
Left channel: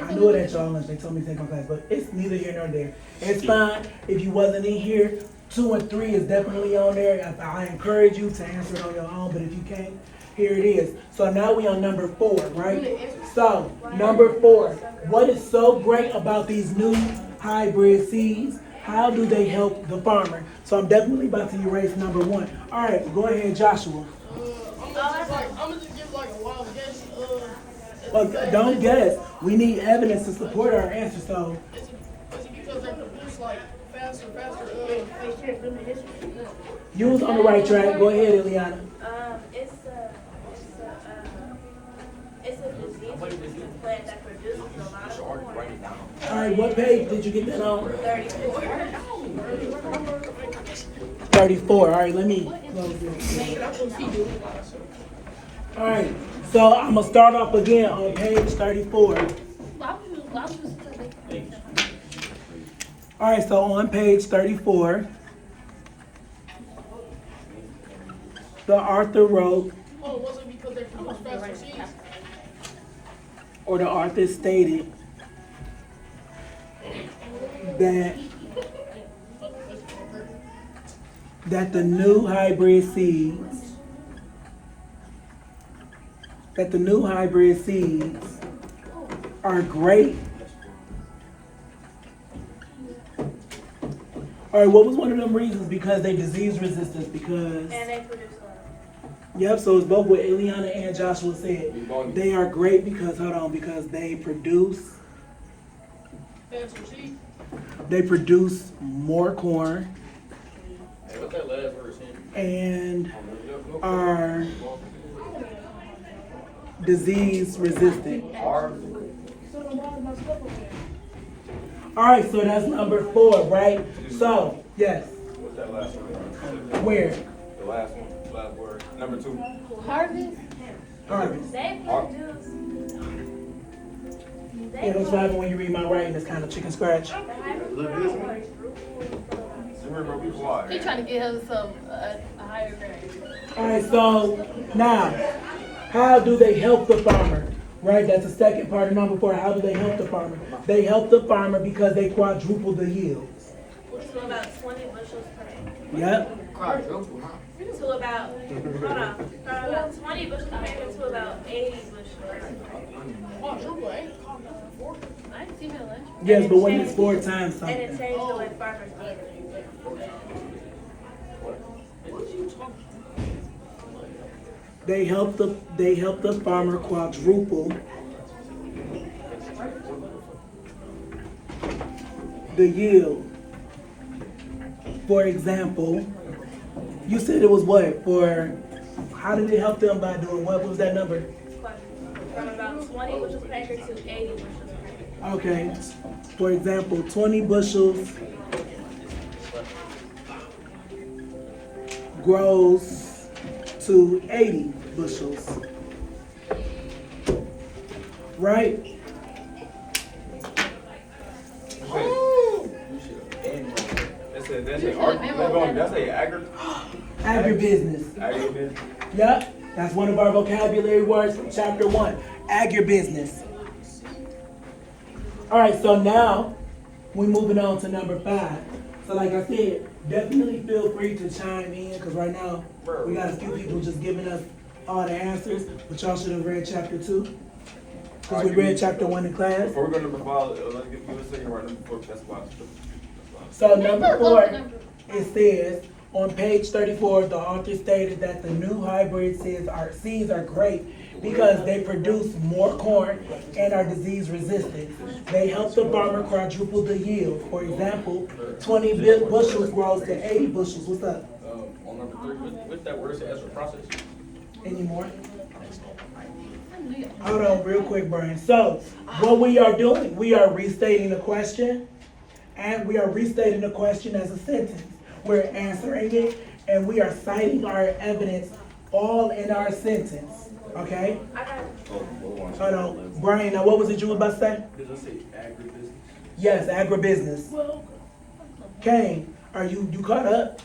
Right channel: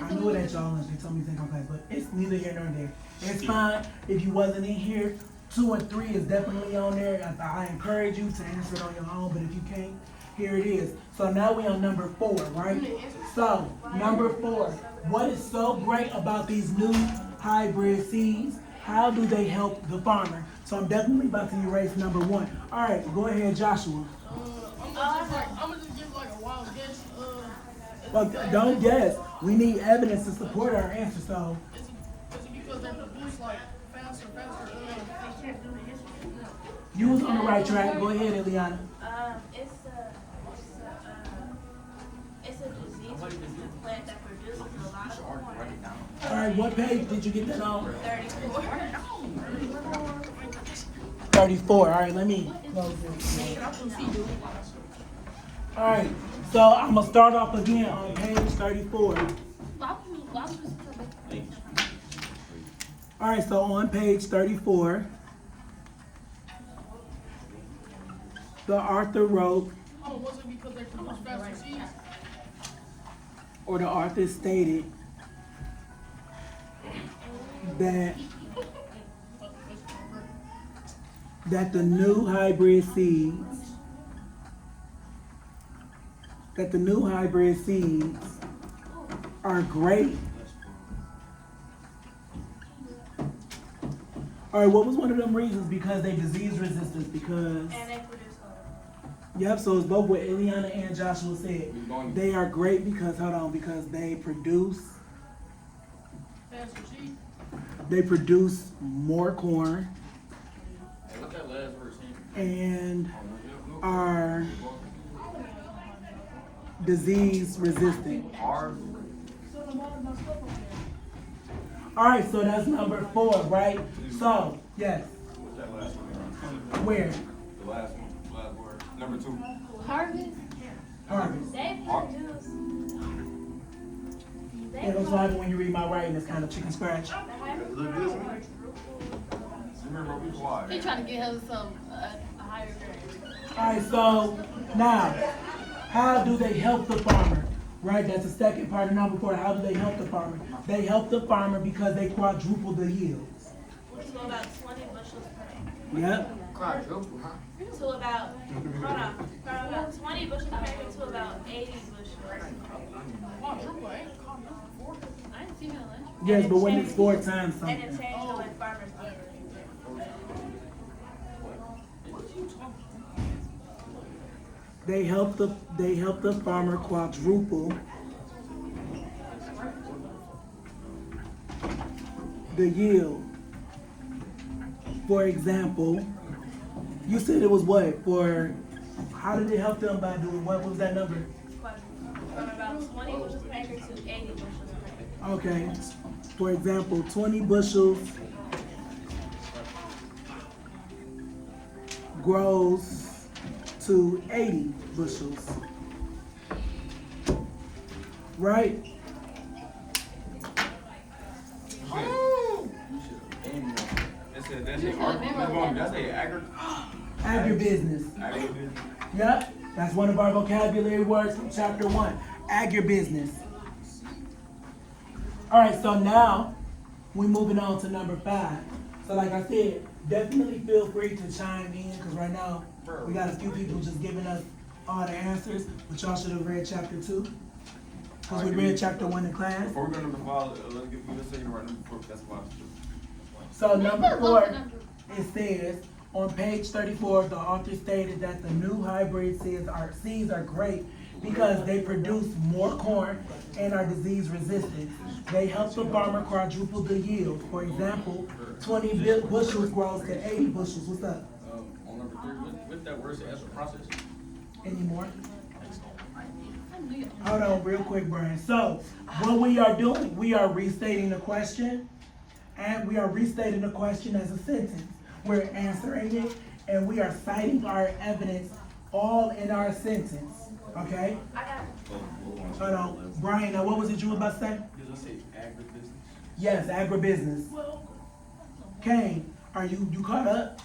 I knew it at y'all lunch. They told me to take my class, but it's neither here nor there. It's fine. If you wasn't in here, 2 and 3 is definitely on there. I encourage you to answer it on your own, but if you can't, here it is. So now we on number 4, right? So number 4, what is so great about these new hybrid seeds? How do they help the farmer? So I'm definitely about to erase number 1. All right, go ahead, Joshua. I'm gonna just give like a wild guess. But don't guess. We need evidence to support our answer. So Is it because they produce like faster? you was on the right track. Go ahead, Eliana. It's a disease plant that produces a lot of corn. All right, what page did you get that on? 34. 34. All right, let me close this. All right, so I'm gonna start off again on page 34. All right, so on page 34, the author wrote, Oh, was it because they produce faster seeds? or the author stated that the new hybrid seeds are great. All right, what was one of them reasons? Because they disease resistance, because... And they produce a lot of Yep, so it's both what Eliana and Joshua said. They are great because, because they produce Faster seeds? They produce more corn Hey, what's that last word? and are disease resistant. Art. All right, so that's number 4, right? So, yes. What's that last one? Where? The last one, last word. Number 2. harvest. Harvest. They produce. Yeah, that's what happens when you read my writing. It's kind of chicken scratch. Remember, be quiet. He trying to get him a higher grade. All right, so now, how do they help the farmer? Right, that's the second part of number 4. How do they help the farmer? They help the farmer because they quadruple the yields. To about 20 bushels per acre. Yep. To about, hold on, from about 20 bushels per acre to about 80 bushels per acre. Oh, triple ain't before. I didn't see no lunch. Yes, but when it's 4 times And it something. changed the way farmers eat. They help the farmer quadruple the yield. For example, you said it was what? How did it help them by doing what? What was that number? From about 20 bushels per acre to 80 bushels per acre. Okay. For example, 20 bushels grows to 80 bushels. Right? That's a art. That's a agri. Agribusiness. Agribusiness. Yep, that's one of our vocabulary words from chapter 1. Agribusiness. All right, so now we're moving on to number 5. So like I said, definitely feel free to chime in because right now we got a few people just giving us all the answers, but y'all should have read chapter 2 because we read chapter 1 in class. Before we go to number 5, let's give you a second right number 4. That's why. So number 4, it says, on page 34, the author stated that the new hybrid seeds are great because they produce more corn and are disease resistant. They help the farmer quadruple the yield. For example, 20 bushels grows to 80 bushels. What's up? On number 3, with that word, it's a process. Any more? Hold on real quick, Brian. So what we are doing, we are restating the question, and we are restating the question as a sentence. We're answering it, and we are citing our evidence all in our sentence. Okay? I got Hold on. Brian, now what was it you were about to say? Did I say agribusiness? Yes, agribusiness. Kane, are you caught up?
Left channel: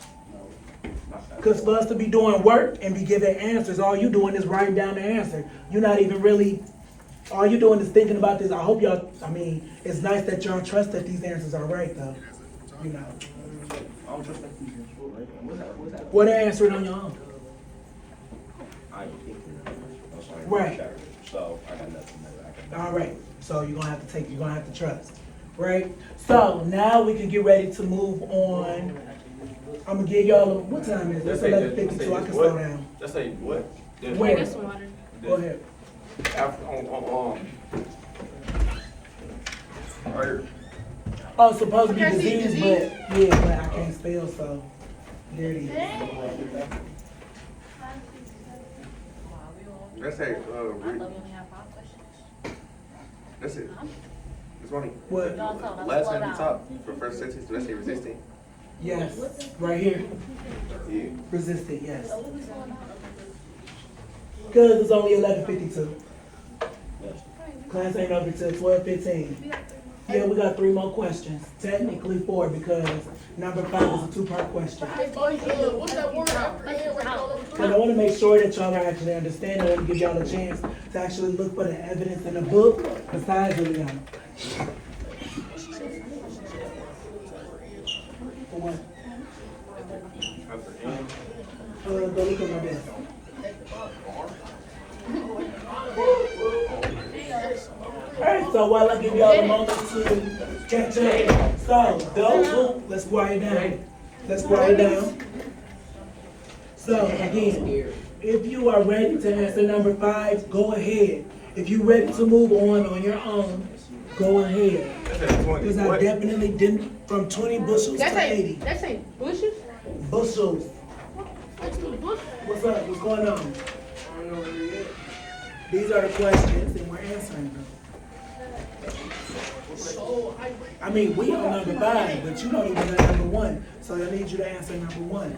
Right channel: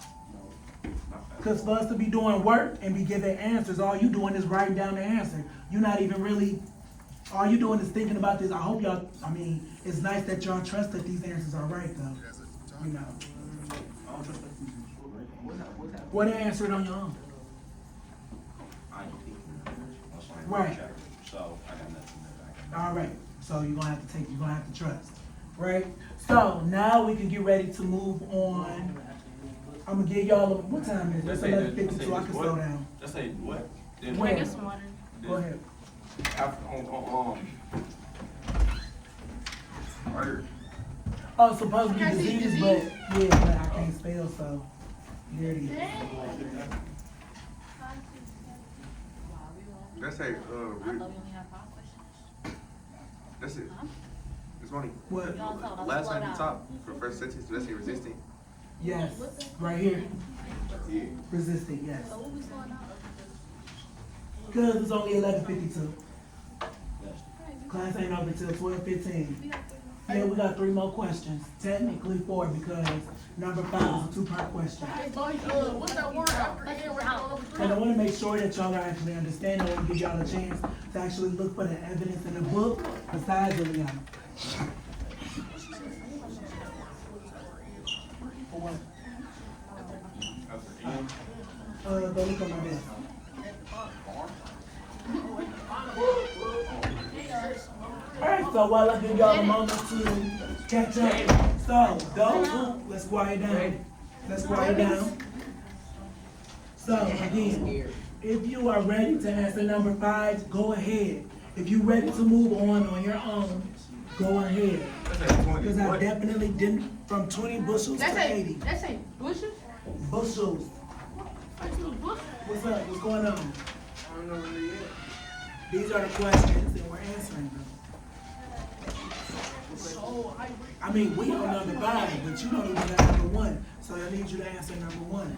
Because for us to be doing work and be giving answers, all you doing is writing down the answer. You're not even really, all you doing is thinking about this. I hope y'all, it's nice that y'all trust that these answers are right though. You know. I don't trust that future. What's that? What answer it on your own? Right. So I got nothing there. All right. So you're gonna have to trust. Right? So now we can get ready to move on. I'm gonna give y'all, what time is it? It's 11:52, I can slow down. Let's say what? Where? get some water. Go ahead. After, right here. Oh, it's supposed to be I can't see disease, disease. but yeah, but I can't spell, so there it is. That's a, that's it. It's only, What? last time you talked, for first sentence, do that say resistant? Yes, right here. Yeah. Resistant, yes. Cause it's only 11:52. Class ain't over till 12:15. Yeah, we got 3 more questions. Technically 4 because number 5 is a 2-part question. What's that word? And I want to make sure that y'all are actually understanding. I want to give y'all a chance to actually look for the evidence in the book besides Liliana. For what? Go look at my desk. Alright, so while I give y'all a moment to catch up. So, those who, let's quiet down. Let's quiet down. So, again, if you are ready to answer number 5, go ahead. If you're ready to move on your own, go ahead. Because I definitely didn't, from 20 bushels to 80. That's ain't bushes? Bushels. Bushels. What's up? What's going on? These are the questions and we're answering them. We on number 5, but you don't even know number 1. So I need you to answer number 1.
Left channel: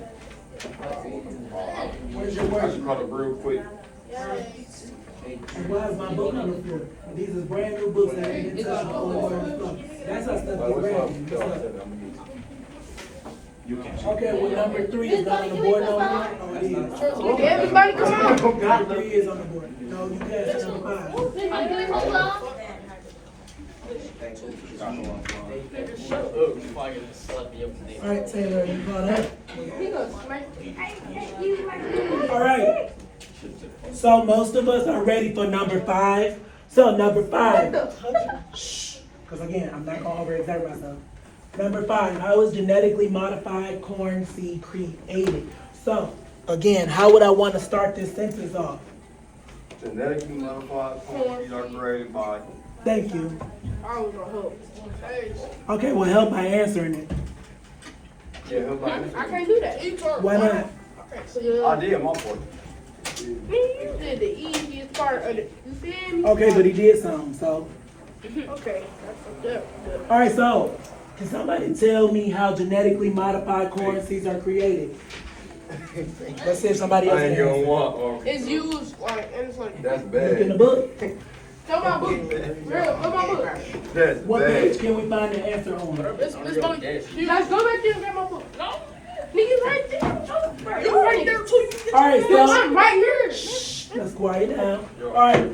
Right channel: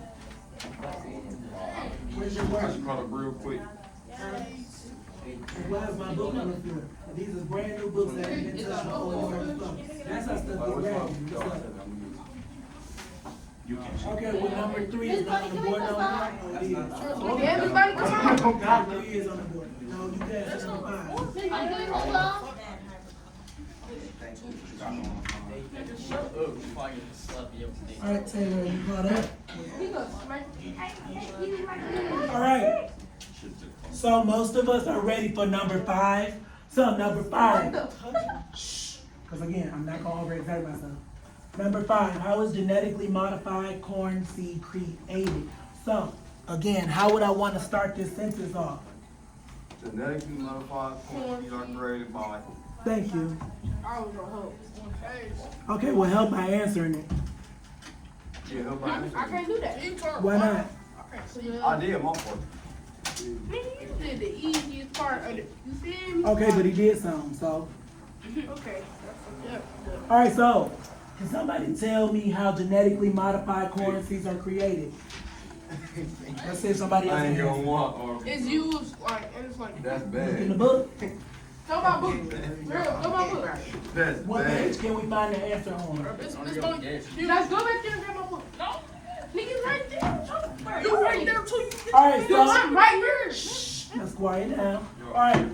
Where's your I just word? caught up real quick. And why is my book on the floor? These is brand new books that I didn't touch before. That's how stuff get ready. Okay, well, number 3 is not on the board no more. Oh, it is. Everybody come on. Number 3 is on the board. No, you can't answer number 5. All right, Taylor, you caught up? All right. So most of us are ready for number 5. So number 5. Shh. Because again, I'm not gonna overexert myself. Number 5. How is genetically modified corn seed created? So again, how would I want to start this sentence off? Genetically modified corn seeds are created by. Thank you. I was gonna help. Okay, well, help by answering it. Yeah, help my I can't do that. Why not? I did my part. You did the easiest part of it. You feel me? Okay, but he did something, so. Okay. That's All right, so can somebody tell me how genetically modified corn seeds are created? Let's see if somebody else I can ain't gonna answer. want. It's used like, and it's like, That's Look in the bad. book. go my book. Real, go my book. That's What page bad. can we find the answer on? Let's go back there and get my book. No. Nigga right there. You right there too. All right, so I'm right here. let's quiet down. All right.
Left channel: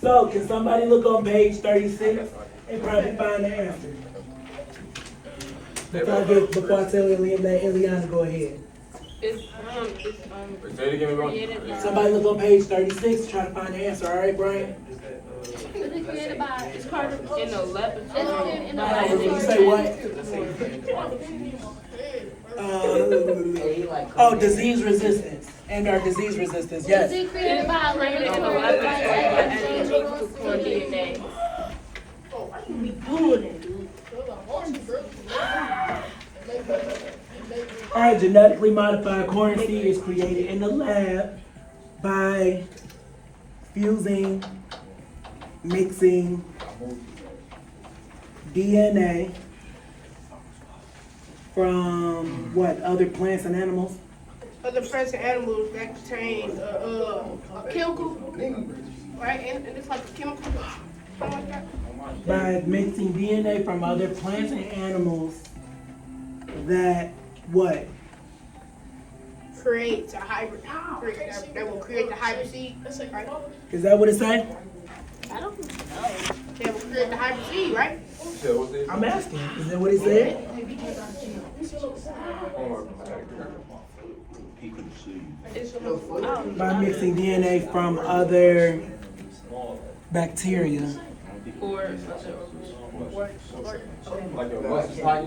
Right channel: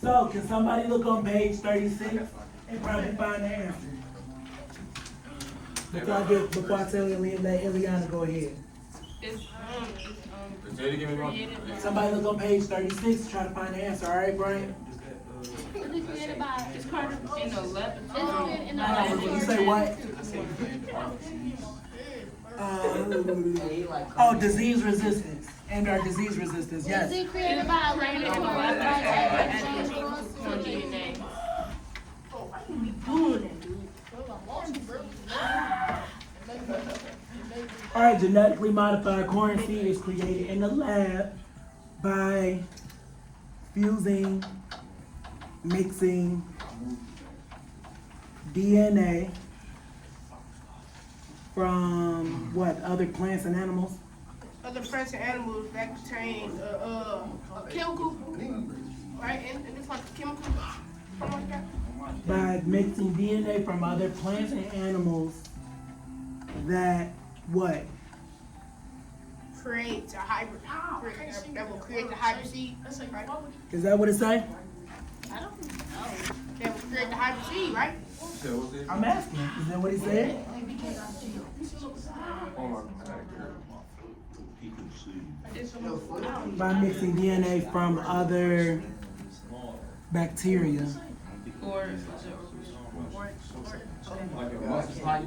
So can somebody look on page 36 and probably find the answer? Before I tell Eliana go ahead. Say it again, bro. Somebody look on page 36, try to find the answer. All right, Brian? It's part of in the 11. You say what? Oh, disease resistance and our disease resistance. Yes. Created by DNA. Oh, I should be doing it, dude. All right, genetically modified corn seed is created in the lab by fusing, mixing DNA from what, other plants and animals? Other plants and animals that contain a chemical, right? And it's like a chemical, something like that. By mixing DNA from other plants and animals that what? Creates a hybrid. That will create the hybrid seed. Right? Is that what it say? I don't know. That will create the hybrid seed, right? I'm asking. Is that what he said? By mixing DNA from other bacteria. Like a mustard type.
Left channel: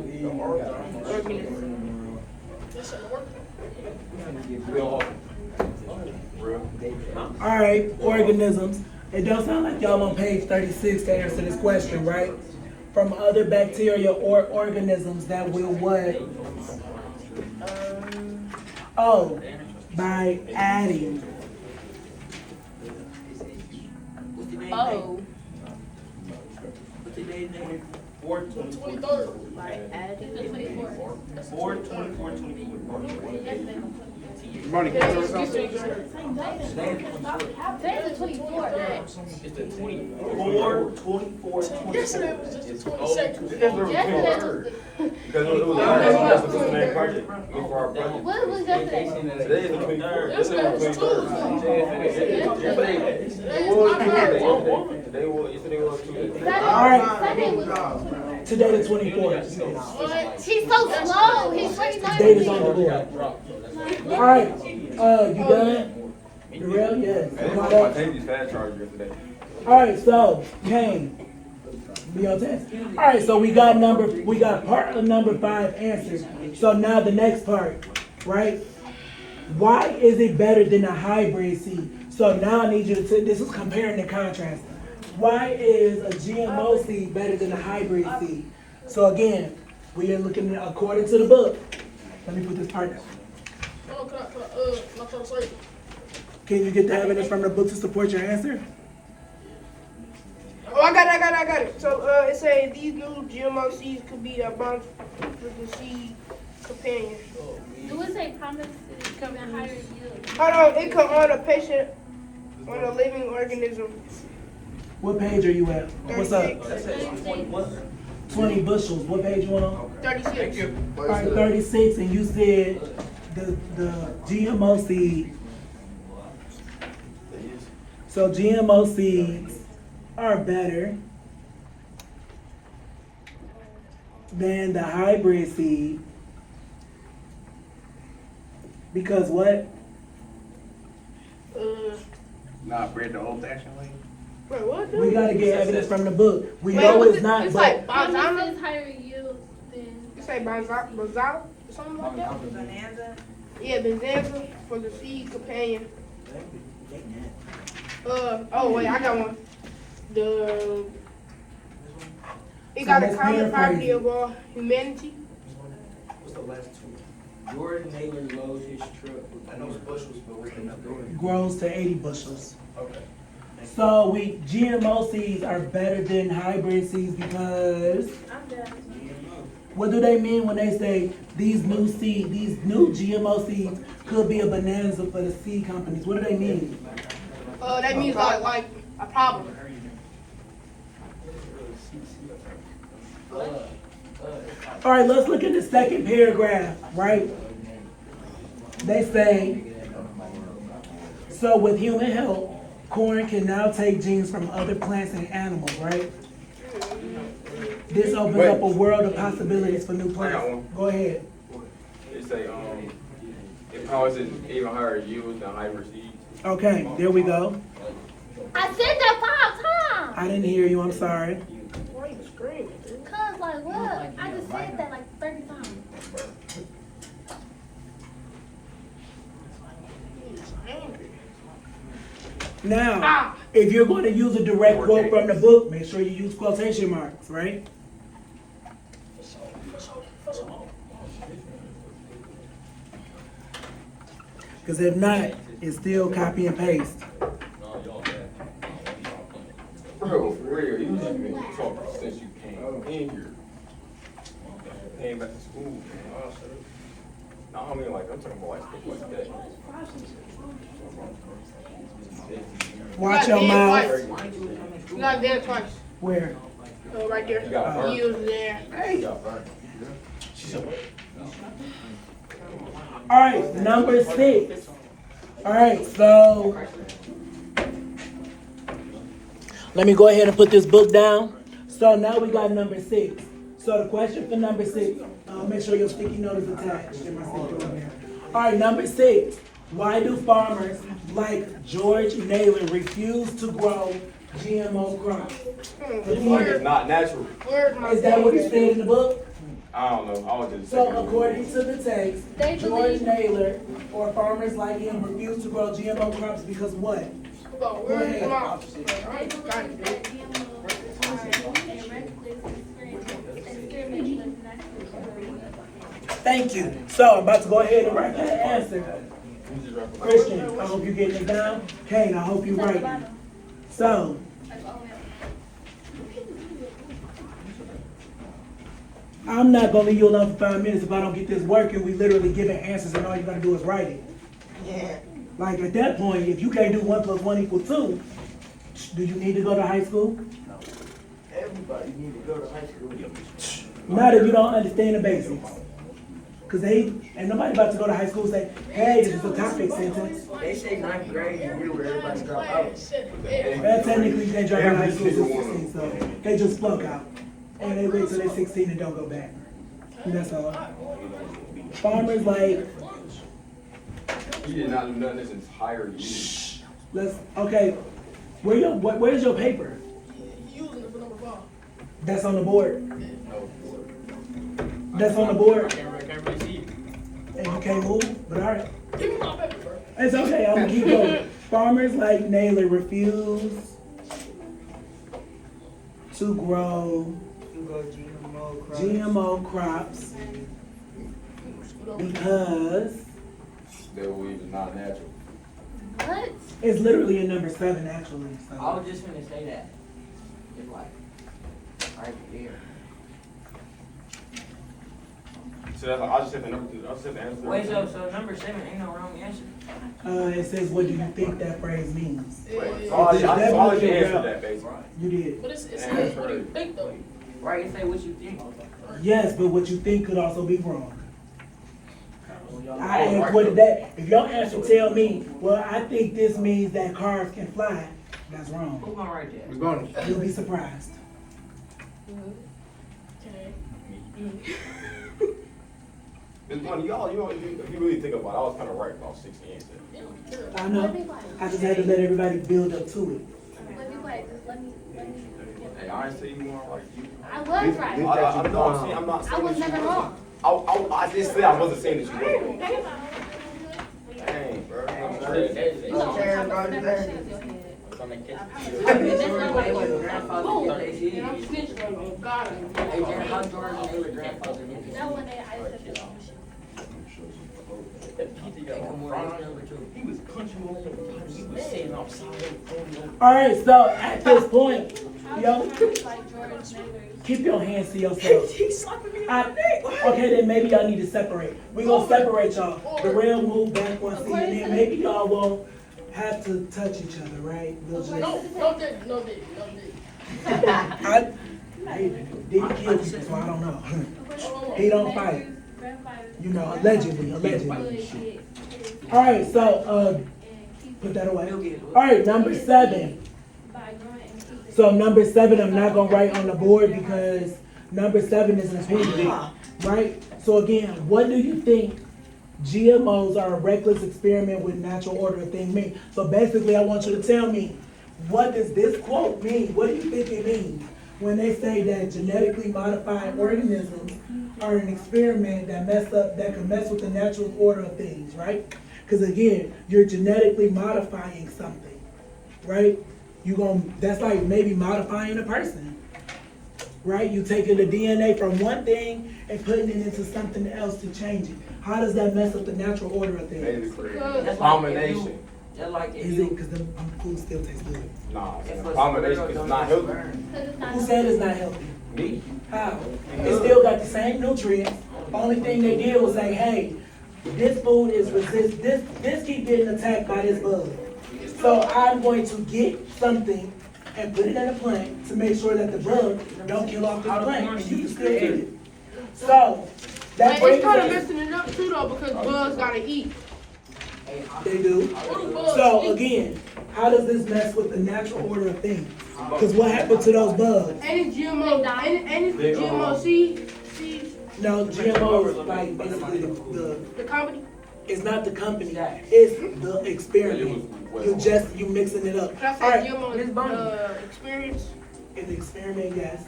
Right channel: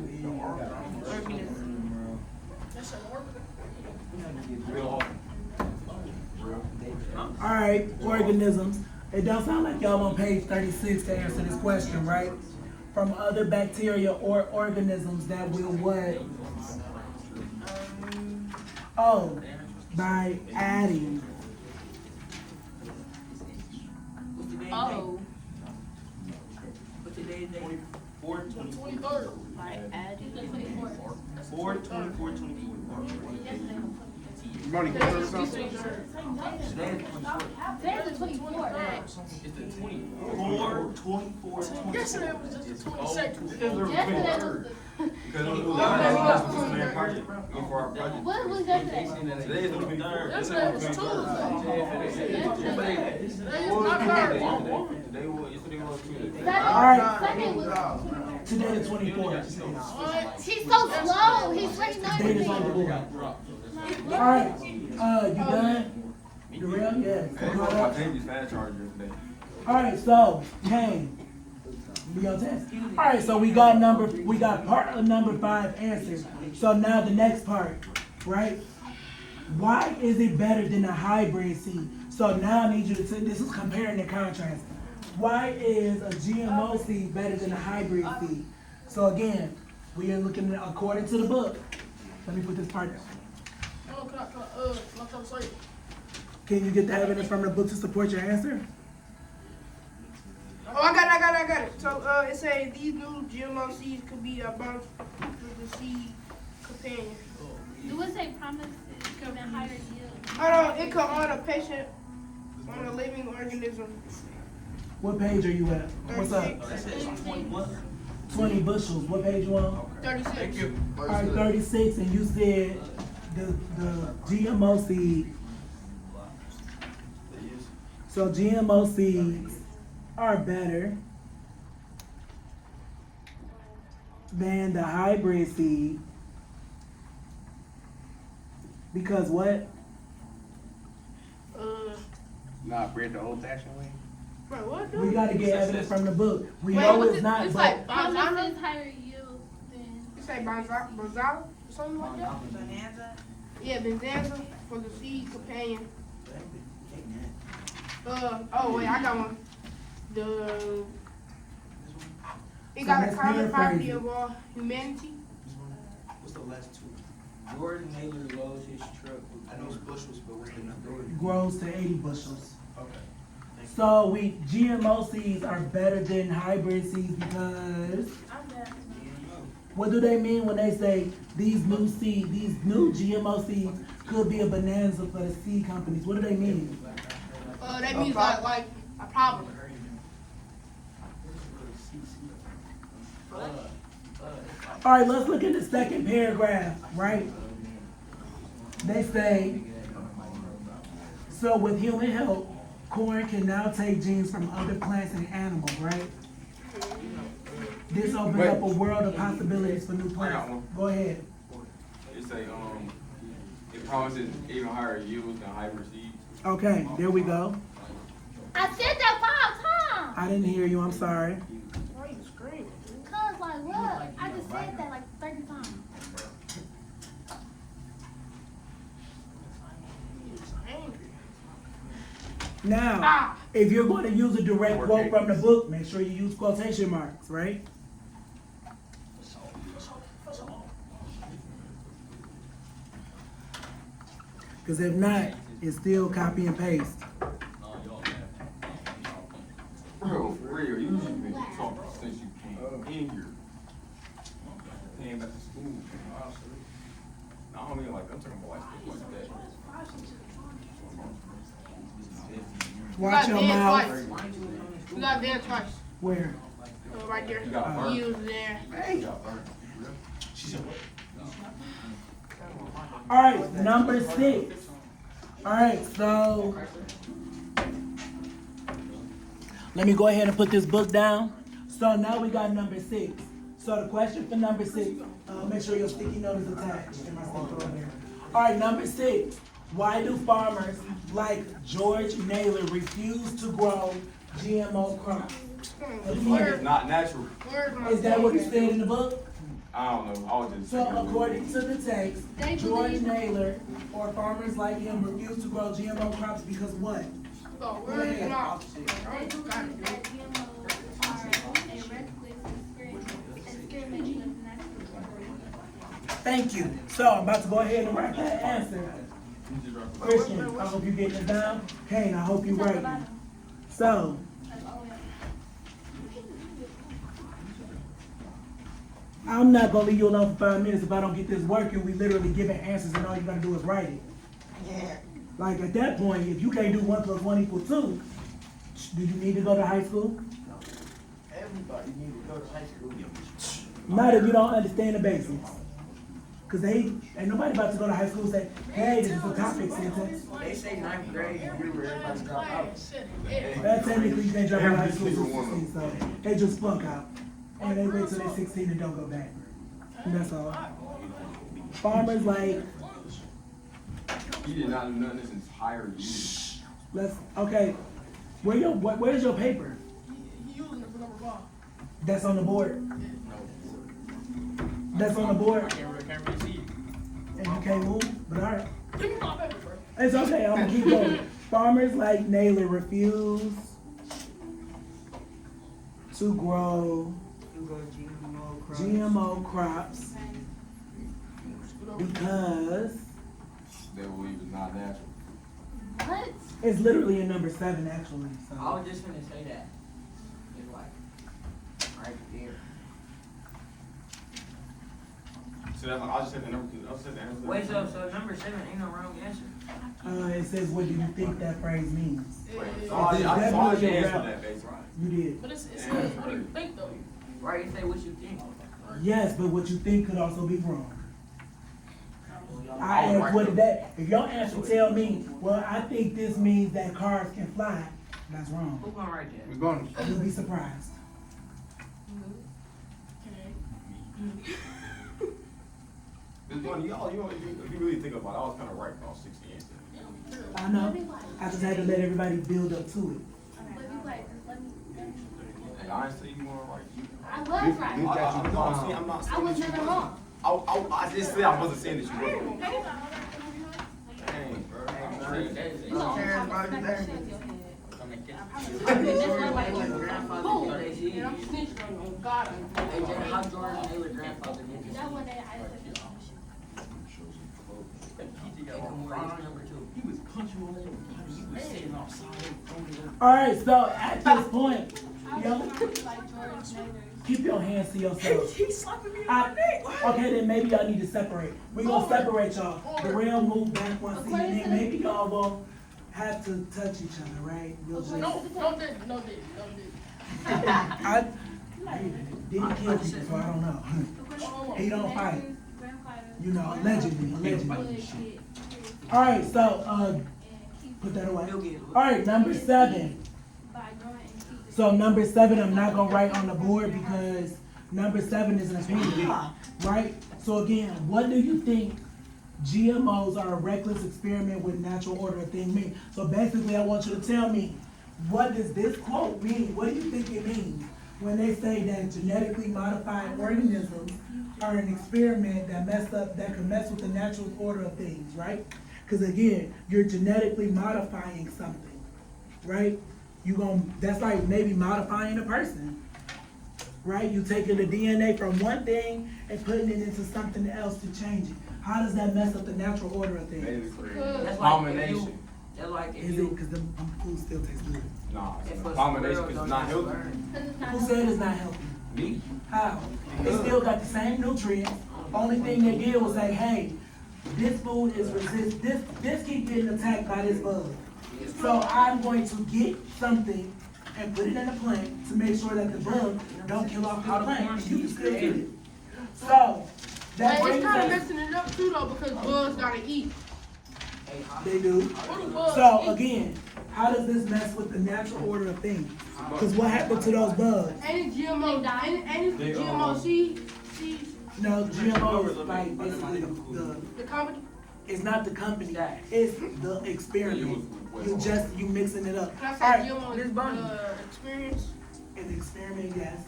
All right, organisms. It does sound like y'all on page 36 to answer this question, right? From other bacteria or organisms that will what? Oh, by adding. Oh. By adding. Money, can you say something? There's a 24. It's the 24, 24, 26. Yesterday was just the 22nd. Because it was last week, the same project. For our project. What was yesterday? Today is the 23rd. This is the 23rd. Yesterday was Tuesday. All right, Sunday was. today the 24th. She's so slow. He's waiting on Date is on me. the board. All right, you done? Darrell, yes. Caught I up? changed these fast chargers yesterday. All right, so Kane, be on test. All right, so we got part of number 5 answered. So now the next part, right? Why is it better than a hybrid seed? So now I need you to, this is comparing and contrasting. Why is a GMO seed better than a hybrid seed? So again, we are looking at, according to the book. Let me put this part down. Can you get the evidence from the book to support your answer? Oh, I got it. So it says these new GMO seeds could be a bunch with the seed companion. Do it say promises come in higher yield? Hold on, it could on a patient, on a living organism. What page are you at? What's up? 20 bushels. What page you on? 36. All right, 36, and you said the GMO seed. So GMO seeds are better than the hybrid seed because what? Nah, bred the old-fashioned way. Wait, what? We gotta get evidence from the book. We Wait, know what's it's it? not, It's but like Promises Banzana? higher yield than. You say Banzana or something like that? Bonanza. Yeah, Benzanza for the seed companion. Oh wait, I got one. It got a let's common property paraphrase. of all humanity. What's the last two? Jordan Naylor loads his truck. I know it's bushels, but what's the number? grows to 80 bushels. Okay. So GMO seeds are better than hybrid seeds because what do they mean when they say these new GMO seeds could be a bonanza for the seed companies? What do they mean? That means like a problem. All right, let's look at the second paragraph, right? They say, so with human help, corn can now take genes from other plants and animals, right? This opens up a world of possibilities for new plants. Go ahead. They say, it causes even higher yields than hybrid seeds. Okay, there we go. I said that 5 times. I didn't hear you, I'm sorry. Cause like what? I just said that like 30 times. Now, if you're going to use a direct quote from the book, make sure you use quotation marks, right? Because if not, it's still copy and paste. Bro, for real, you just been talking since you came in here. Came back to school, man. No, I mean, like, I'm talking about like stuff like that. Watch your mouth. You got there twice. Where? Right there. You got burnt. You was there. You got burnt. All right, number 6. All right, so let me go ahead and put this book down. So now we got number 6. So the question for number 6, make sure your sticky note is attached. Get my sticker on there. All right, number 6. Why do farmers like George Naylor refuse to grow GMO crops? It's not natural. Is that what it said in the book? I don't know. I was just So thinking. according to the text, George Naylor or farmers like him refuse to grow GMO crops because what? Where's your mouth? Thank you. So I'm about to go ahead and write that answer. Christian, I hope you're getting it down. Kane, I hope you're writing. So, I'm not gonna leave you alone for 5 minutes if I don't get this working. We literally giving answers and all you gotta do is write it. Yeah. Like at that point, if you can't do 1 + 1 = 2, do you need to go to high school? Everybody need to go to high school. Not if you don't understand the basics. Cause ain't nobody about to go to high school and say, hey, this is a topic sentence. They say 9th grade is where everybody drop out. Well, technically you can't drop out of high school till 16, so they just flunk out. And they wait till they're 16 and don't go back. And that's all. Farmers like, He did not do nothing this entire year. okay, where's your paper? That's on the board. That's on the board. And you can't move, but all right. It's okay, I'm gonna keep going. Farmers like Naylor refuse to grow GMO crops because They were even not natural. What? it's literally in number 7 actually. I So. was just gonna say that. It's like, right there. So that's like, I just said the number 2. I just said the answer. Wait, so number 7 ain't no wrong answer. It says, what do you think that phrase means? So I just answered that basically. You did. But it's what do you think though? Right, you say what you think. Yes, but what you think could also be wrong. I equated that. If your answer tell me, well, I think this means that cars can fly, that's wrong. Who's gonna write that? We're going. You'll be surprised. It's funny, y'all, if you really think about it, I was kind of right about 6 answers. I know. I just had to let everybody build up to it. Hey, I ain't say you weren't right. I was right. I'm not saying I was that never you wrong. I just said I wasn't saying that you wasn't. Dang, bro. Everybody there. How George Naylor grandfather get this? All right, so at this point, yo, keep your hands to yourself. Okay, then maybe y'all need to separate. We're gonna separate y'all. The rail move back one seat, and then maybe y'all won't have to touch each other, right? We'll just, No, Did he kill people? So I don't know. He don't fight. You know, allegedly. All right, so put that away. All right, number 7. So number 7, I'm not gonna write on the board because number 7 is an opinion, right? So again, what do you think GMOs are a reckless experiment with natural order of things mean? So basically, I want you to tell me, what does this quote mean? What do you think it means when they say that genetically modified organisms are an experiment that can mess with the natural order of things, right? Because again, you're genetically modifying something, right? That's like maybe modifying a person, right? You taking the DNA from one thing and putting it into something else to change it. How does that mess up the natural order of things? Combination. Is it because the food still tastes good? No, combination because it's not healthy. Who said it's not healthy? Me. How? It still got the same nutrients. Only thing they did was say, hey, this food is this keep getting attacked by this bug. So I'm going to get something and put it in a plant to make sure that the bug don't kill off the plant and you can still eat it. So that But brings it's kind of us. messing it up too though because bugs gotta eat. They do. So again, how does this mess with the natural order of things? Because what happened to those bugs? Any GMO, any GMO seeds, No, GMO is like basically the company. it's not the company, it's the experiment. You mixing it up. Can I say Alright, GMO experience? it's an experiment, yes.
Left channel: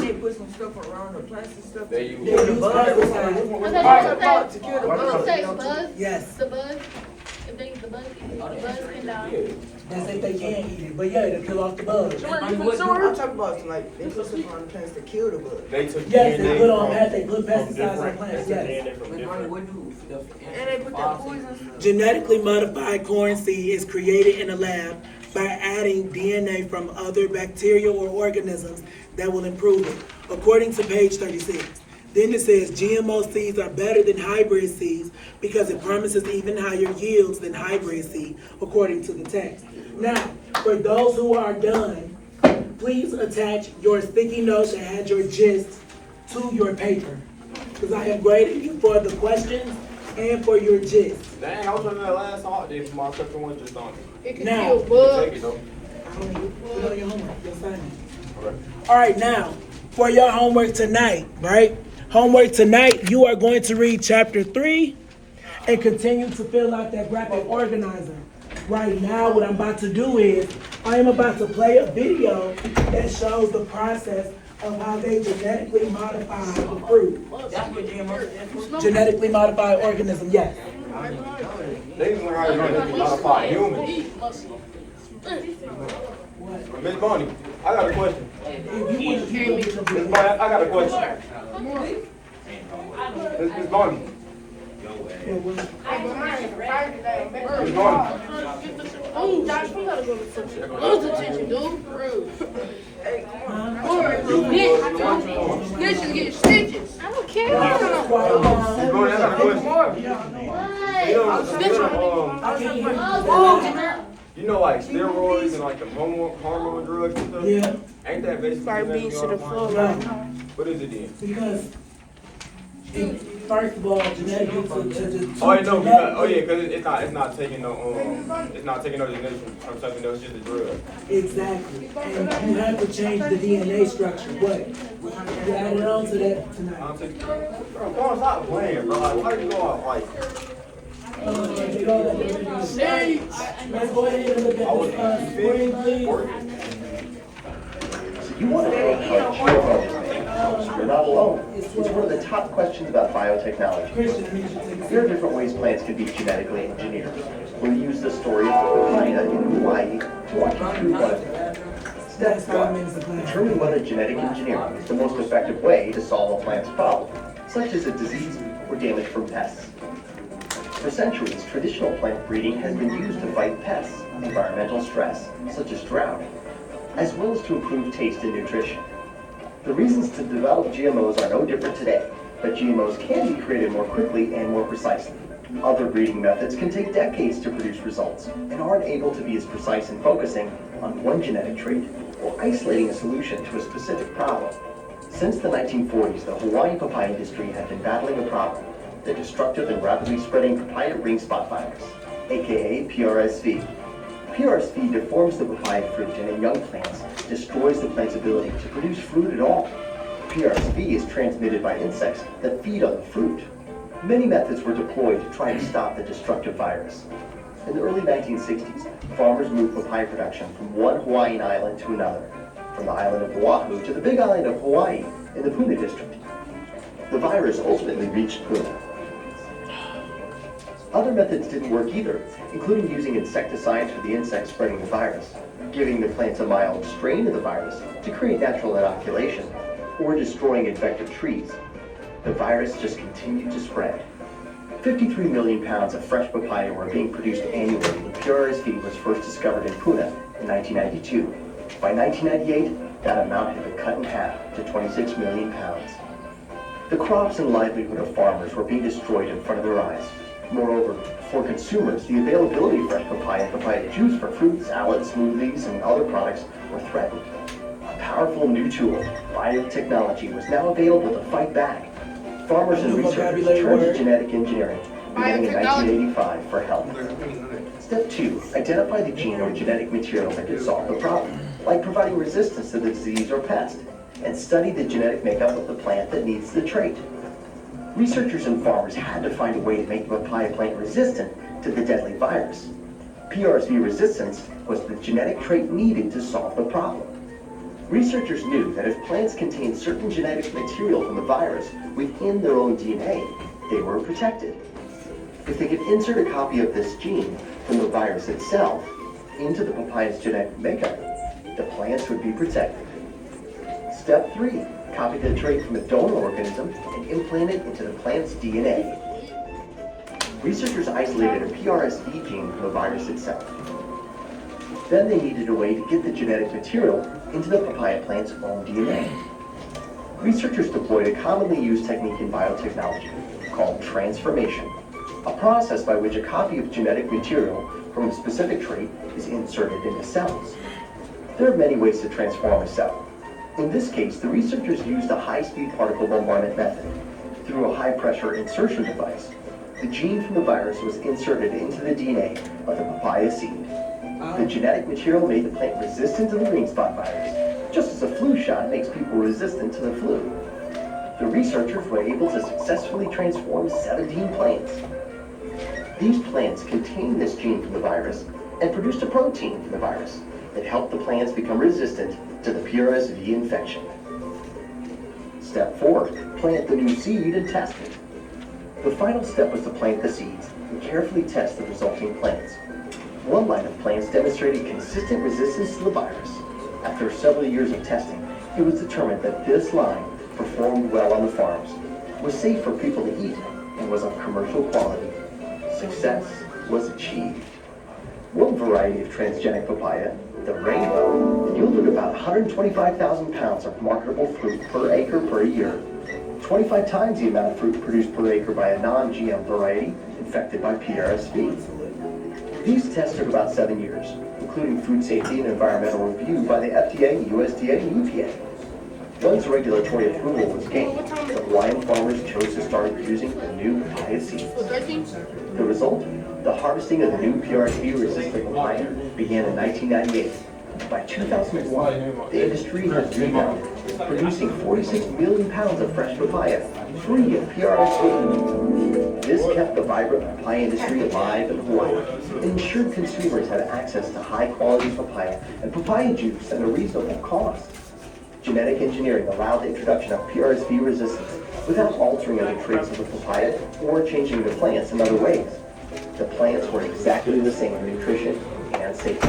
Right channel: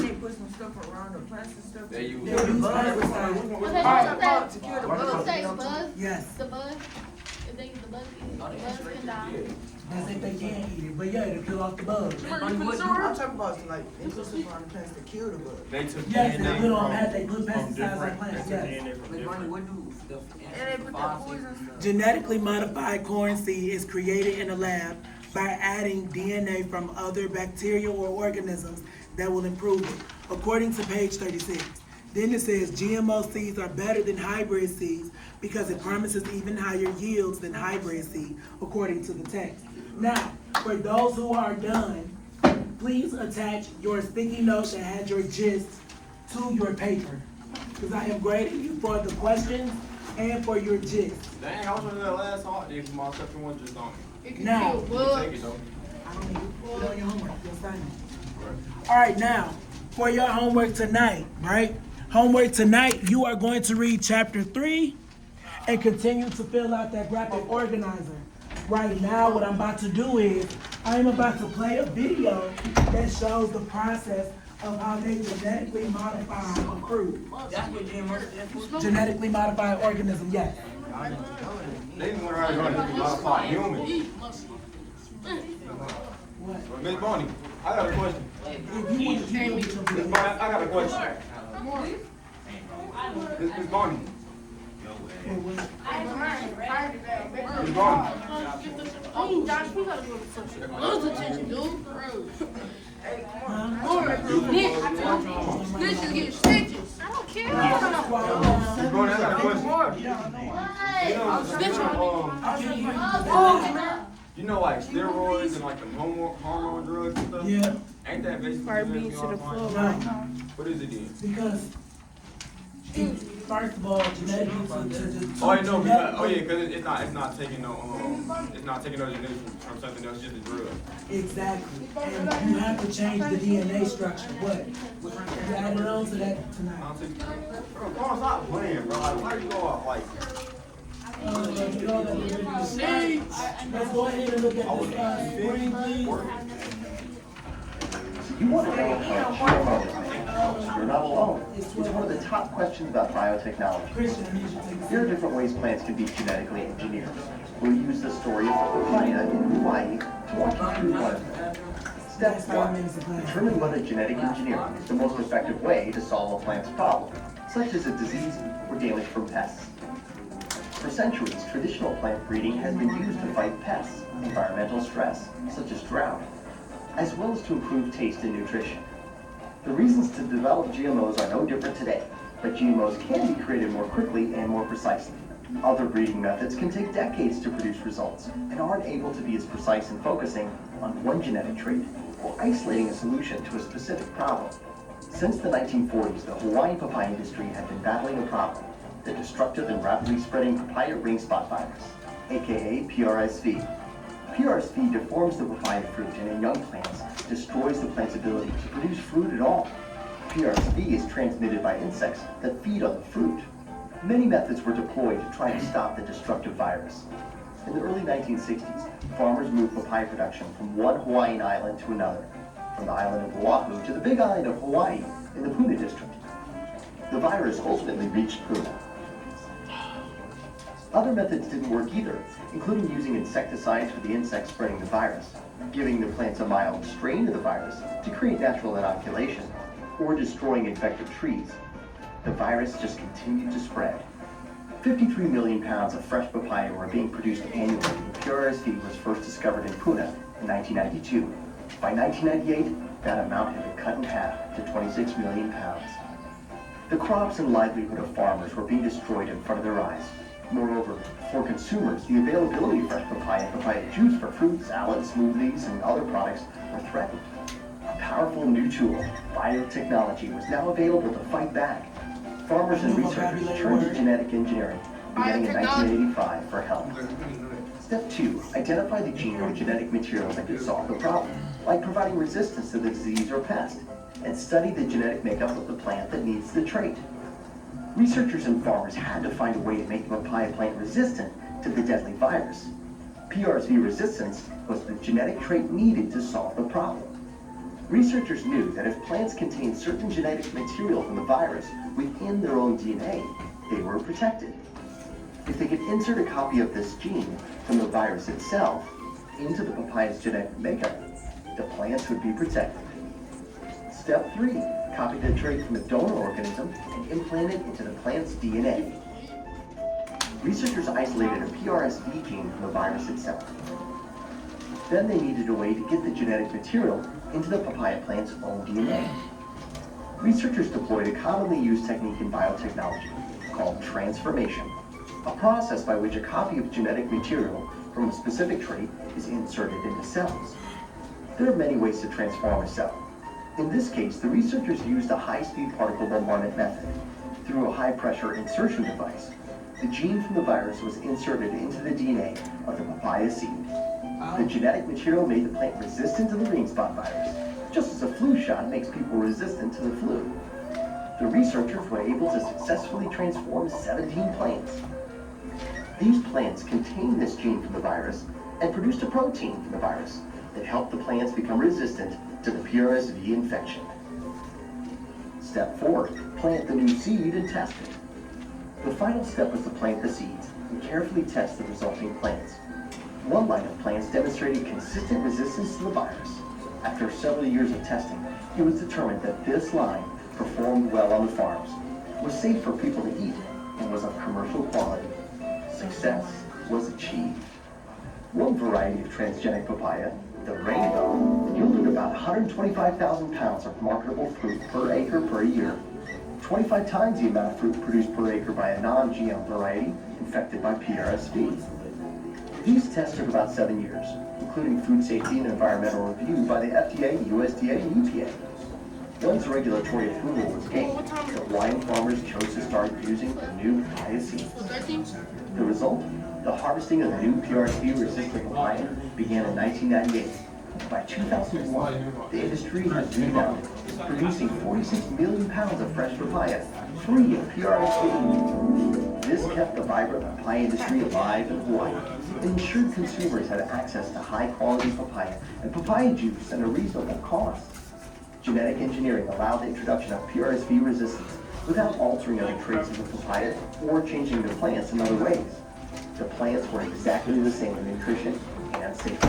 They put some stuff around the plastic stuff. They They use use pesticides. Okay, To kill the what bugs. you say, buzz? Yes, The buzz? If they use the buzz can die. they say they can't eat it, but yeah, they kill off the bugs. I'm talking about like they put stuff on the plants to kill the bug. They took Yes, they DNA put on from- that, they put from pesticides on different- plants, they took yes. DNA from different- And they put that poison stuff. Genetically modified corn seed is created in a lab by adding DNA from other bacteria or organisms that will improve it, according to page 36. Then it says GMO seeds are better than hybrid seeds because it promises even higher yields than hybrid seed, according to the text. Now, for those who are done, please attach your sticky notes that had your gist to your paper, because I am grading you for the questions and for your gist. Dang, I was on that last holiday for my second one just on me. It can Now, kill You take bugs. it though. Put on your homework, your assignment. Okay. All right, now, for your homework tonight, right? Homework tonight, you are going to read chapter 3 and continue to fill out that graphic organizer. Right now, what I'm about to do is, I am about to play a video that shows the process of how they genetically modify the fruit. Genetically modified organism, yes. They just learn how to genetically modify humans. Miss Bonnie, I got a question. Miss Bonnie, I got a question. Miss Bonnie. Miss Bonnie. Oh, Josh, we gotta go to social. Lose attention, dude. For real. Snitch can get stitches. I don't care. Miss Bonnie, I got a question. You know, like steroids and like the hormone drugs and stuff? Yeah, Ain't that basically Start being to the floor right now. What is it then? because, first of all, genetically to Oh, you know, because it's not taking no genetics from something that was just a drug. Exactly, and you have to change the DNA structure, but you added on to that I'm tonight. saying, bro, come on, stop playing, bro. Like, why you go out like? Let's go ahead and look at this screen, please. You want to know how you're not alone. It's one of the top questions about biotechnology. Christian, I need you to take a There are seat. different ways plants can be genetically engineered. We'll use the story of the papaya in Hawaii to walk you through one of them. Step That's 5 minutes of 1. class. Determine whether genetic engineering is the most effective way to solve a plant's problem, such as a disease or damage from pests. For centuries, traditional plant breeding has been used to fight pests, environmental stress, such as drought, as well as to improve taste and nutrition. The reasons to develop GMOs are no different today, but GMOs can be created more quickly and more precisely. Other breeding methods can take decades to produce results and aren't able to be as precise in focusing on one genetic trait or isolating a solution to a specific problem. Since the 1940s, the Hawaiian papaya industry had been battling a problem, the destructive and rapidly spreading papaya ring spot virus, aka PRSV. PRSV deforms the papaya fruit and in young plants destroys the plant's ability to produce fruit at all. PRSV is transmitted by insects that feed on the fruit. Many methods were deployed to try to stop the destructive virus. In the early 1960s, farmers moved papaya production from one Hawaiian island to another, from the island of Oahu to the big island of Hawaii in the Puna district. The virus ultimately reached Puna. Other methods didn't work either, including using insecticides for the insects spreading the virus, giving the plants a mild strain of the virus to create natural inoculation, or destroying infected trees. The virus just continued to spread. 53 million pounds of fresh papaya were being produced annually when PRSV was first discovered in Puna in 1992. By 1998, that amount had been cut in half to 26 million pounds. The crops and livelihood of farmers were being destroyed in front of their eyes. Moreover, for consumers, the availability of fresh papaya and papaya juice for fruit, salads, smoothies, and other products were threatened. A powerful new tool, biotechnology, was now available to fight back. Farmers and researchers turned to genetic engineering, beginning in 1985 for help. Step 2, identify the gene or genetic material that could solve the problem, like providing resistance to the disease or pest, and study the genetic makeup of the plant that needs the trait. Researchers and farmers had to find a way to make the papaya plant resistant to the deadly virus. PRSV resistance was the genetic trait needed to solve the problem. Researchers knew that if plants contained certain genetic material from the virus within their own DNA, they were protected. If they could insert a copy of this gene from the virus itself into the papaya's genetic makeup, the plants would be protected. Step 3, copy the trait from a donor organism and implant it into the plant's DNA. Researchers isolated a PRSV gene from the virus itself. Then they needed a way to get the genetic material into the papaya plant's own DNA. Researchers deployed a commonly used technique in biotechnology called transformation, a process by which a copy of genetic material from a specific trait is inserted into cells. There are many ways to transform a cell. In this case, the researchers used a high-speed particle bombardment method. Through a high-pressure insertion device, the gene from the virus was inserted into the DNA of the papaya seed. The genetic material made the plant resistant to the green spot virus, just as a flu shot makes people resistant to the flu. The researchers were able to successfully transform 17 plants. These plants contained this gene from the virus and produced a protein from the virus that helped the plants become resistant to the PRSV infection. Step 4, plant the new seed and test it. The final step was to plant the seeds and carefully test the resulting plants. One line of plants demonstrated consistent resistance to the virus. After several years of testing, it was determined that this line performed well on the farms, was safe for people to eat, and was of commercial quality. Success was achieved. One variety of transgenic papaya, the rainbow, yielded about 125,000 pounds of marketable fruit per acre per year, 25 times the amount of fruit produced per acre by a non-GM variety infected by PRSV. These tests took about 7 years, including food safety and environmental review by the FDA, USDA, and EPA. Once regulatory approval was gained, the Hawaiian farmers chose to start using the new papaya seeds. The result? The harvesting of the new PRSV-resistant papaya began in 1998. By 2001, the industry had rebounded, producing 46 million pounds of fresh papaya, free of PRSV. This kept the vibrant papaya industry alive in Hawaii and ensured consumers had access to high-quality papaya and papaya juice at a reasonable cost. Genetic engineering allowed the introduction of PRSV resistance without altering other traits of the papaya or changing the plants in other ways. The plants were exactly the same in nutrition and safety.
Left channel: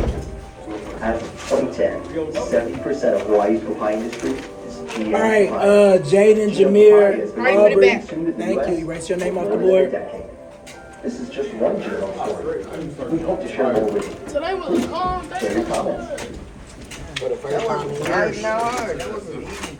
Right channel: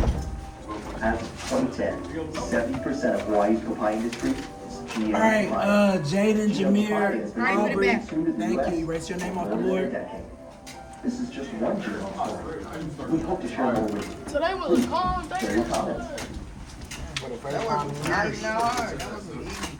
As of 2010, 70% of Hawaii's papaya industry is GM. All right, Jaden, Jameer, Aubrey, back. thank you. Erase your name off the board. This is just one journal story. We hope to share more with you. Today was a calm day. Share your comments. For the first time in years. That wasn't easy.